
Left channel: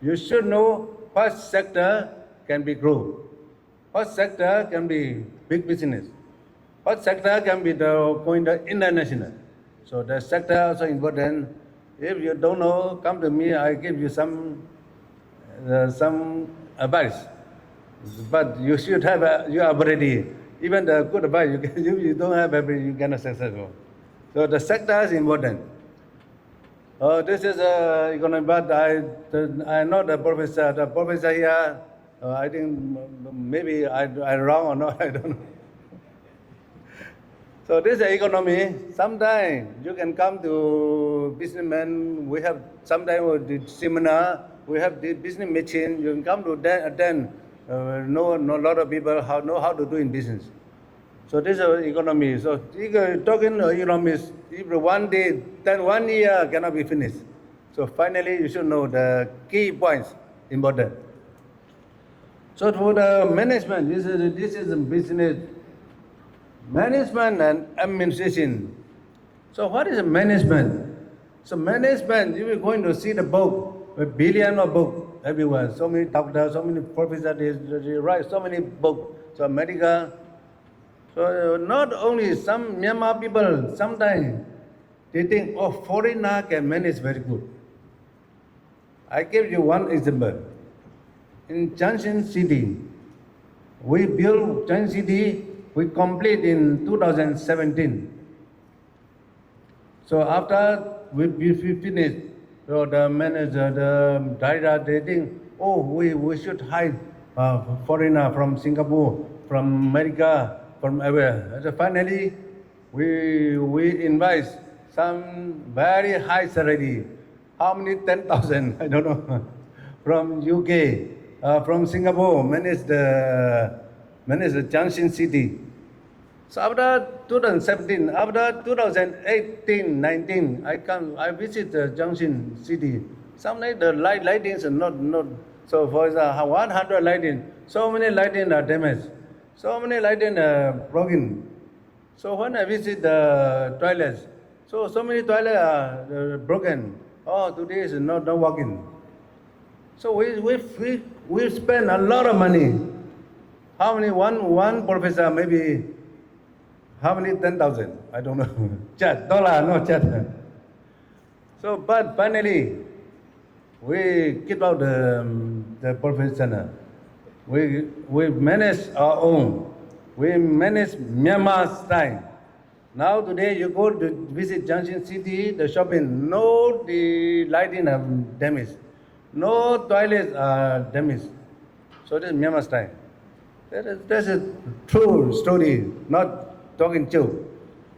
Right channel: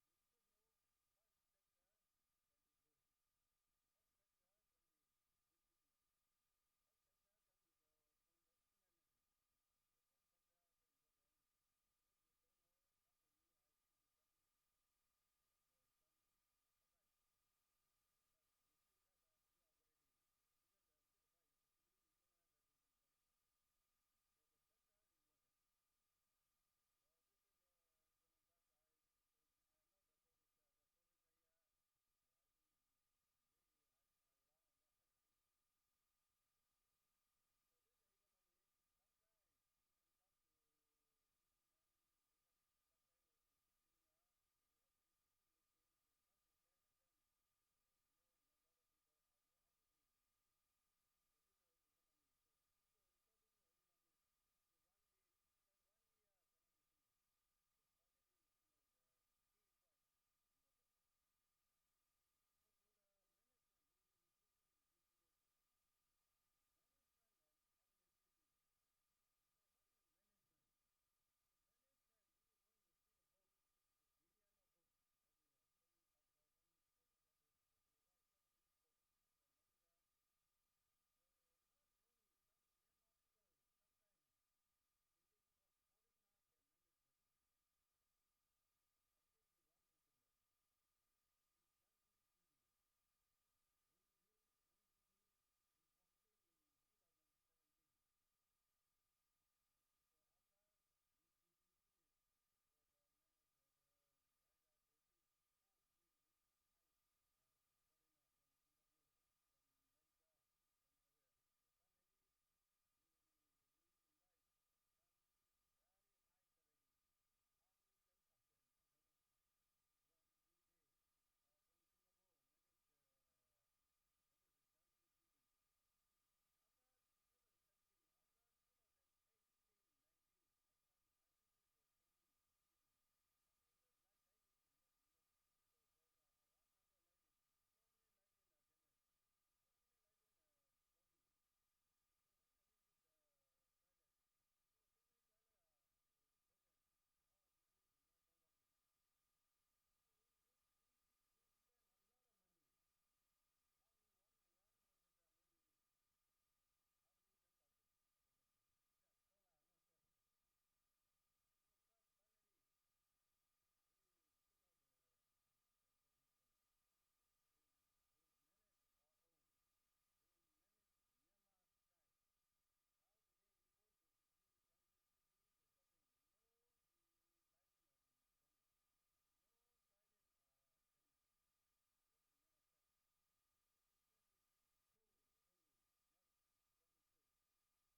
you should know what sector can be grow, what sector can be big business, what sector can be going to international. So the sector also important. If you don't know, come to me. I give you some advice. But you should have you are ready. Even the good advice you don't have everything, you cannot successful. So the sector is important. This is economic, but I'm not a professor. The professor here, I think maybe I'm wrong or not. I don't know. So this is economy. Sometimes you can come to businessmen. We have sometimes the seminar. We have the business meeting. You can come to attend. Know a lot of people know how to do in business. So this is economy. So talking economics, if 1 day, then 1 year cannot be finished. So finally, you should know the key points important. So for the management, this is a business. Management and administration. So what is management? So management, you are going to see the book, a billion of books everywhere. So many doctors, so many professors, they write so many books. So America. So not only some Myanmar people, sometimes they think, oh, foreigner can manage very good. I give you one example. In Junction City, we built Junction City. We complete in 2017. So after we finished, so the manager, the director, they think, oh, we should hire foreigner from Singapore, from America, from everywhere. So finally, we invite some very high salary. How many? 10,000? I don't know. From UK, from Singapore, manage the Junction City. So after 2017, after 2018, 19, I visit the Junction City. Sometimes the lightings are not. So for example, 100 lighting, so many lighting are damaged, so many lighting are broken. So when I visit the toilets, so many toilets are broken. Oh, today is not working. So we spend a lot of money. How many? One professor maybe. How many? 10,000? I don't know. Dollar, no chat. So, but finally, we keep out the professional. We manage our own. We manage Myanmar style. Now today you go to visit Junction City, the shopping, no the lighting have damaged, no toilets are damaged. So this is Myanmar style. That's a true story, not talking joke.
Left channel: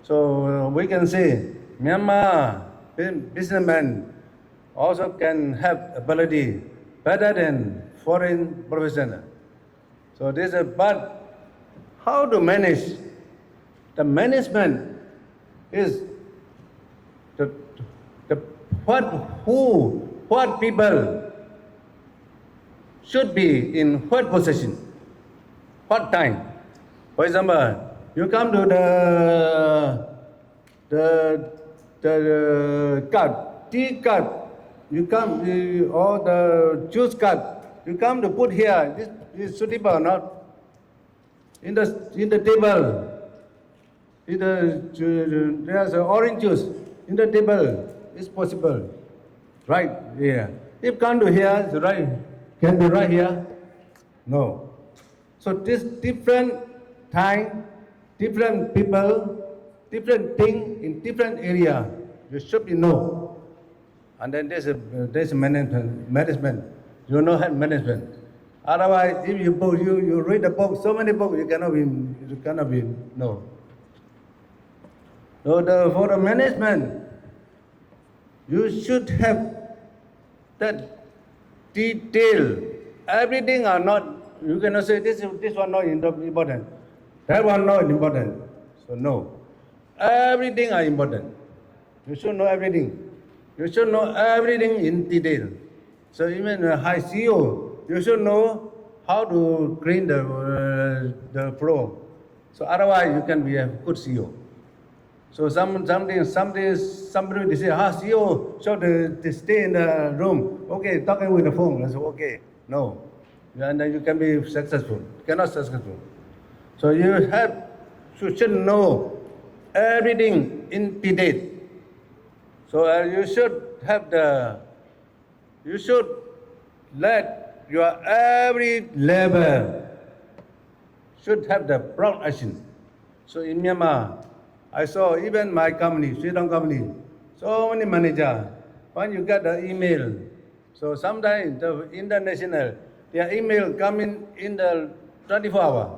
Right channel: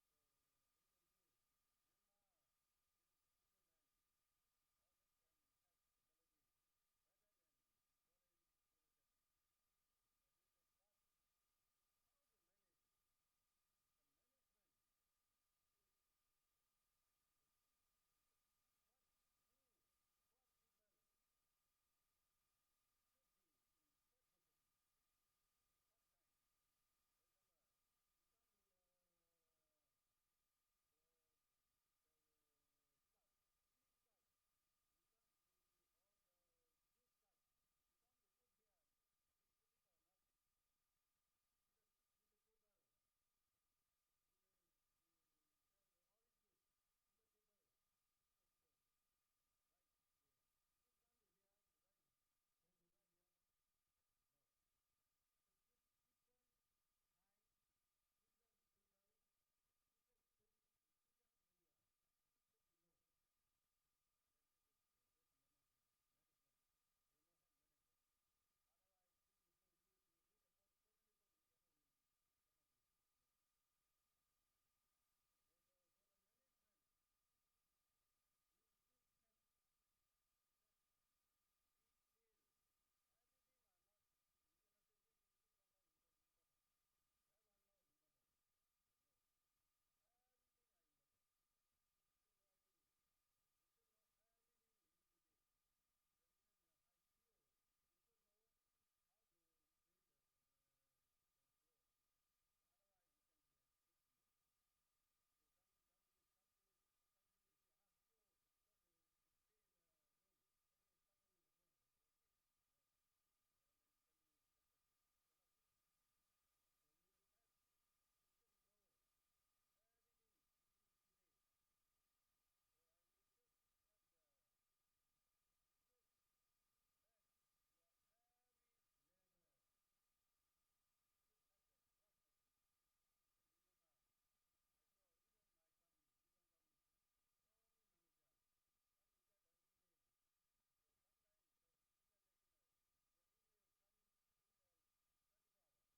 So we can say Myanmar businessmen also can have ability better than foreign professional. So this is, but how to manage? The management is what people should be in what position, what time. For example, you come to the card, tea card, you come, or the juice card, you come to put here, this is suitable or not? In the table, there's orange juice in the table. It's possible, right here. If come to here, it's right. Can be right here? No. So this different time, different people, different thing in different area. You should know. And then there's management. You know management. Otherwise, if you read the book, so many books, you cannot be no. So for the management, you should have that detail. Everything are not. You cannot say this one not important, that one not important. So no, everything are important. You should know everything. You should know everything in detail. So even a high CEO, you should know how to clean the floor. So otherwise, you can be a good CEO. So somebody they say, CEO, so they stay in the room. Okay, talking with the phone. I say, okay, no, and then you can be successful. Cannot successful. So you should know everything in detail. So you should let your every level should have the prompt action. So in Myanmar, I saw even my company, Sweden company, so many managers, when you get the email, so sometimes the international, their email coming in the 24 hours.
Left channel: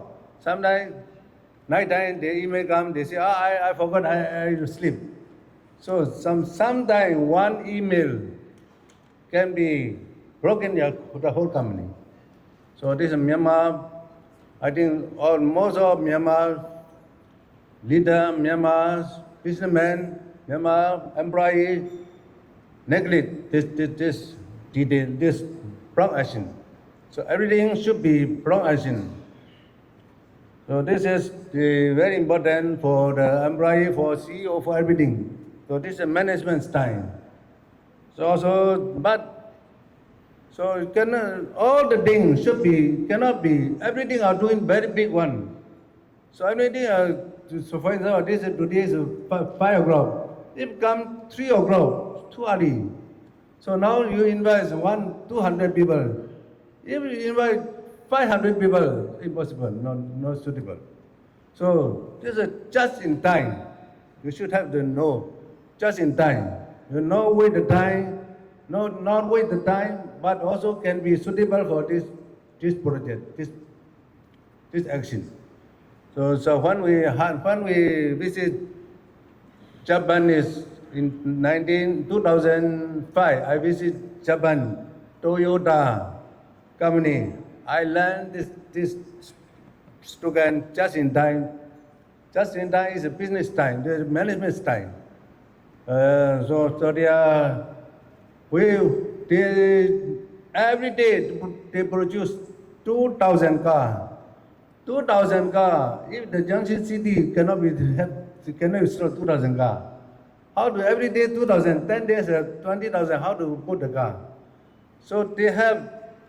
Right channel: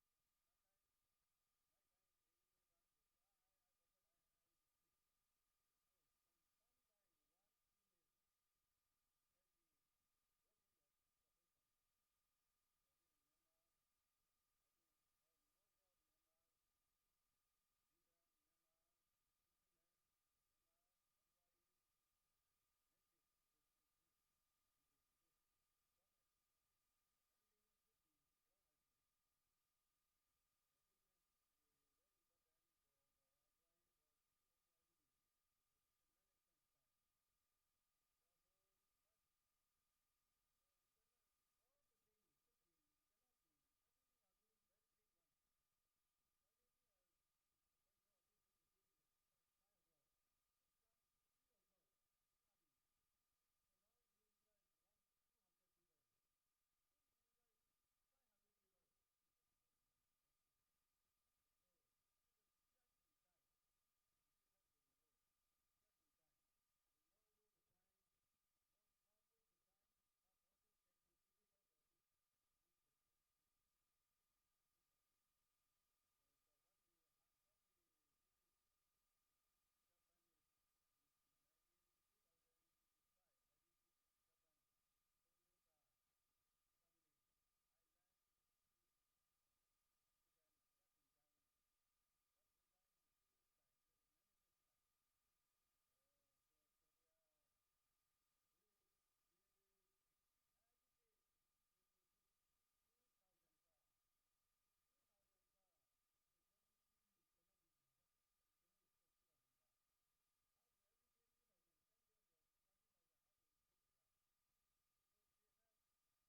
Sometimes night time, the email come, they say, I forgot, I sleep. So sometimes one email can be broken the whole company. So this is Myanmar. I think most of Myanmar leader, Myanmar businessmen, Myanmar employee neglect this detail, this prompt action. So everything should be prompt action. So this is very important for the employee, for CEO, for everything. So this is management style. So all the things cannot be, everything are doing very big one. So everything, so for example, today is 5 o'clock. If come 3 o'clock, too early. So now you invite 200 people. If you invite 500 people, impossible, not suitable. So this is just in time. You should have to know just in time. You know with the time, not with the time, but also can be suitable for this project, this action. So when we visit Japan is in 2005, I visit Japan, Toyota company. I learned this slogan just in time. Just in time is a business time, the management time. So every day they produce 2,000 cars. 2,000 cars. If the Junction City cannot install 2,000 cars, how do every day 2,000, 10 days 20,000? How to put the car? So they have.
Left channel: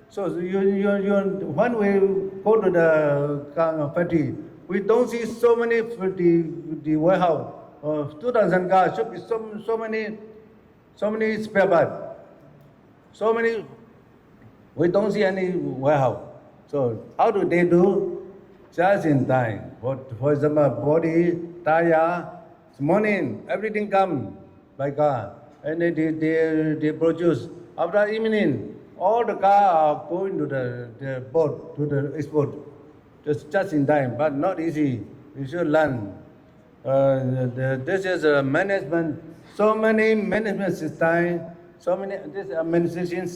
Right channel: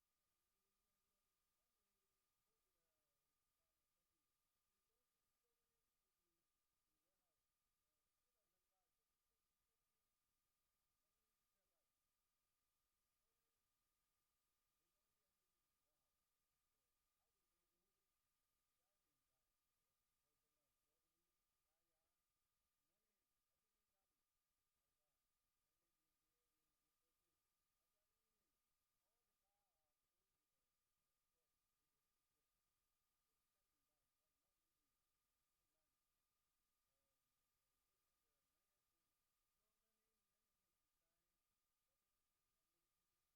So when we go to the car factory, we don't see so many the warehouse. 2,000 cars should be so many spare parts. So many. We don't see any warehouse. So how do they do? Just in time. For example, body, tire, morning, everything come by car. And they produce. After evening, all the cars are going to the port, to the export. Just in time, but not easy. You should learn. This is a management, so many management systems, so many this administration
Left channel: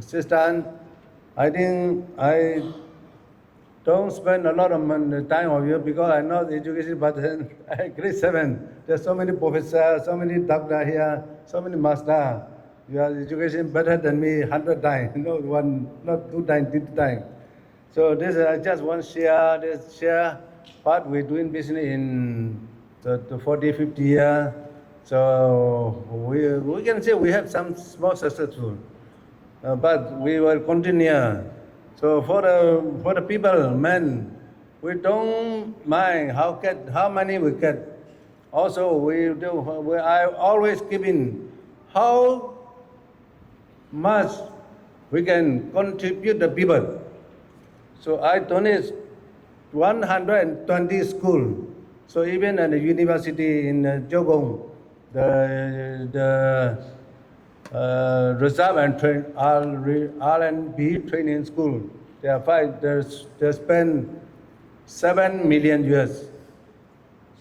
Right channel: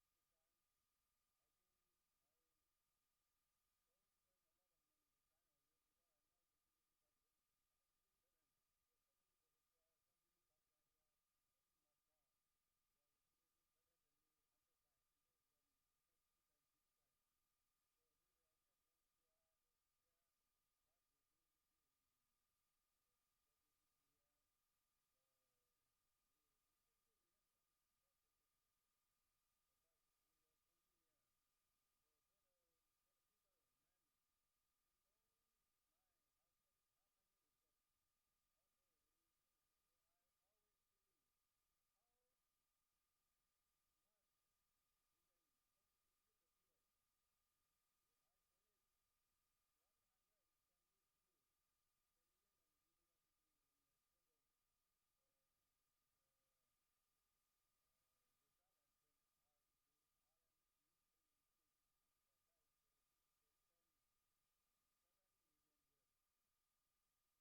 system. I think I don't spend a lot of time on you because I know the education, but grade 7, there's so many professors, so many doctors here, so many masters. Your education better than me 100 times, not 2 times, 3 times. So this I just want to share what we're doing business in the 40, 50 years. So we can say we have some small successful, but we will continue. So for the people, men, we don't mind how many we get. Also, I always giving how much we can contribute the people. So I donate 120 schools. So even at the university in Jogong, the reserve and R&B training school, They are five. They spend 7 million US.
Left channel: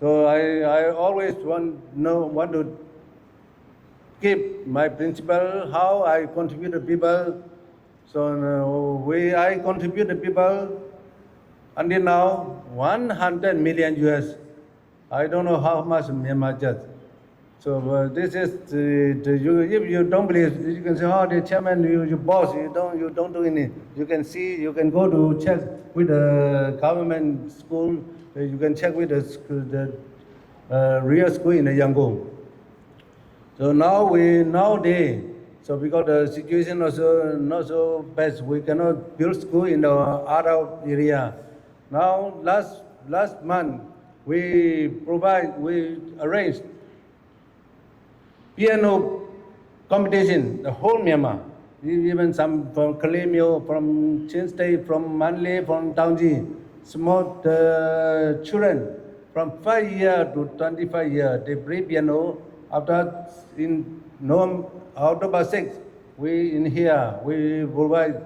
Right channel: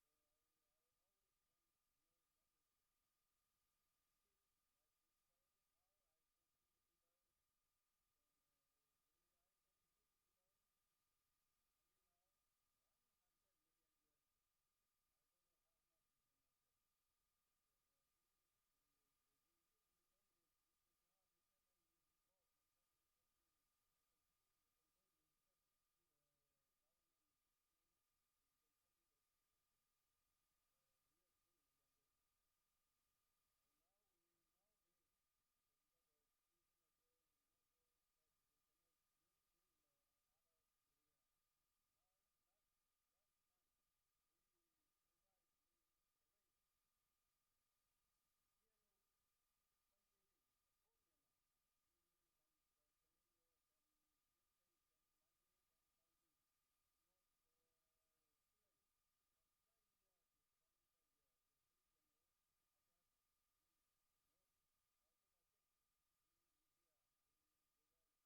So I always want to keep my principle, how I contribute to people. So I contribute to people until now 100 million US. I don't know how much Myanmar just. So this is if you don't believe, you can say, oh, the chairman, you boss, you don't do anything. You can see, you can go to check with the government school. You can check with the real school in Yangon. So nowadays, so because the situation also not so bad, we cannot build school in the other area. Now last month we arranged piano competition, the whole Myanmar, even some from Kalemio, from Chin State, from Manly, from Taungji, small children from 5 years to 25 years, they play piano. After in October 6th, we provide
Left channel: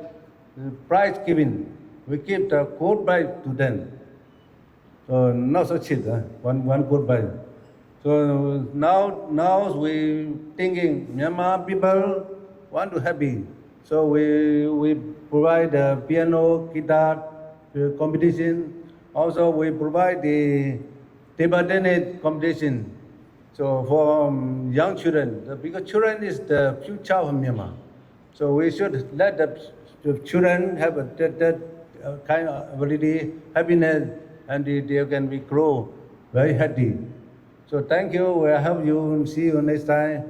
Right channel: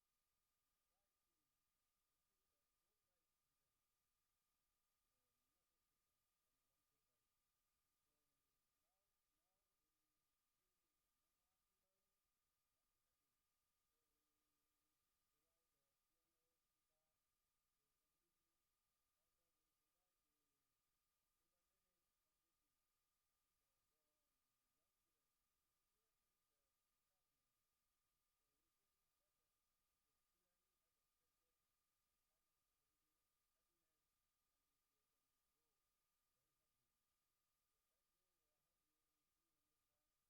prize giving. We give the gold prize to them. So not so cheap, one gold prize. So now we thinking Myanmar people want to happy. So we provide the piano, guitar competition. Also we provide the table tennis competition. So for young children, because children is the future of Myanmar. So we should let the children have that kind of ability, happiness, and they can be grow very happy. So thank you. I hope you see you next time.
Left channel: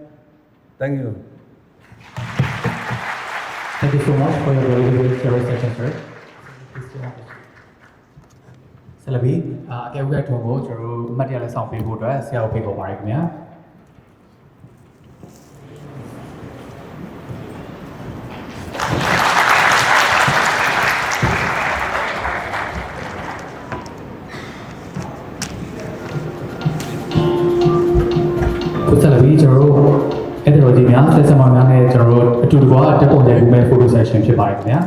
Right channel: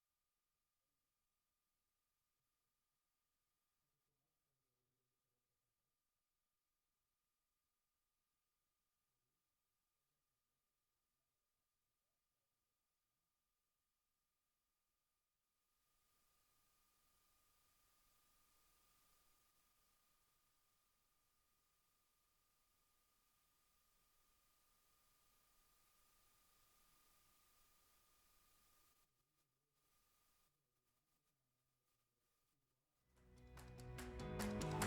Thank you. Thank you so much for your very good service session, sir. ဆလဘီအကဲဥက္ကဋ္ဌကိုကျွန်တော်တို့အမှတ်တရလက်ဆောင်ပေးဖို့အတွက်ဆရာကိုဖိတ်ခေါ်ပါရခင်ဗျာခုဆလဘီကျွန်တော်တို့အဲ့ဒီလိုကြီးများဆက်ဆံမများနဲ့ကျွန်တော်တို့အတူတကွာတက်ပုံရိုက်ကူမဲ့ photo session ဖြစ်ပါတယ်ခင်ဗျာ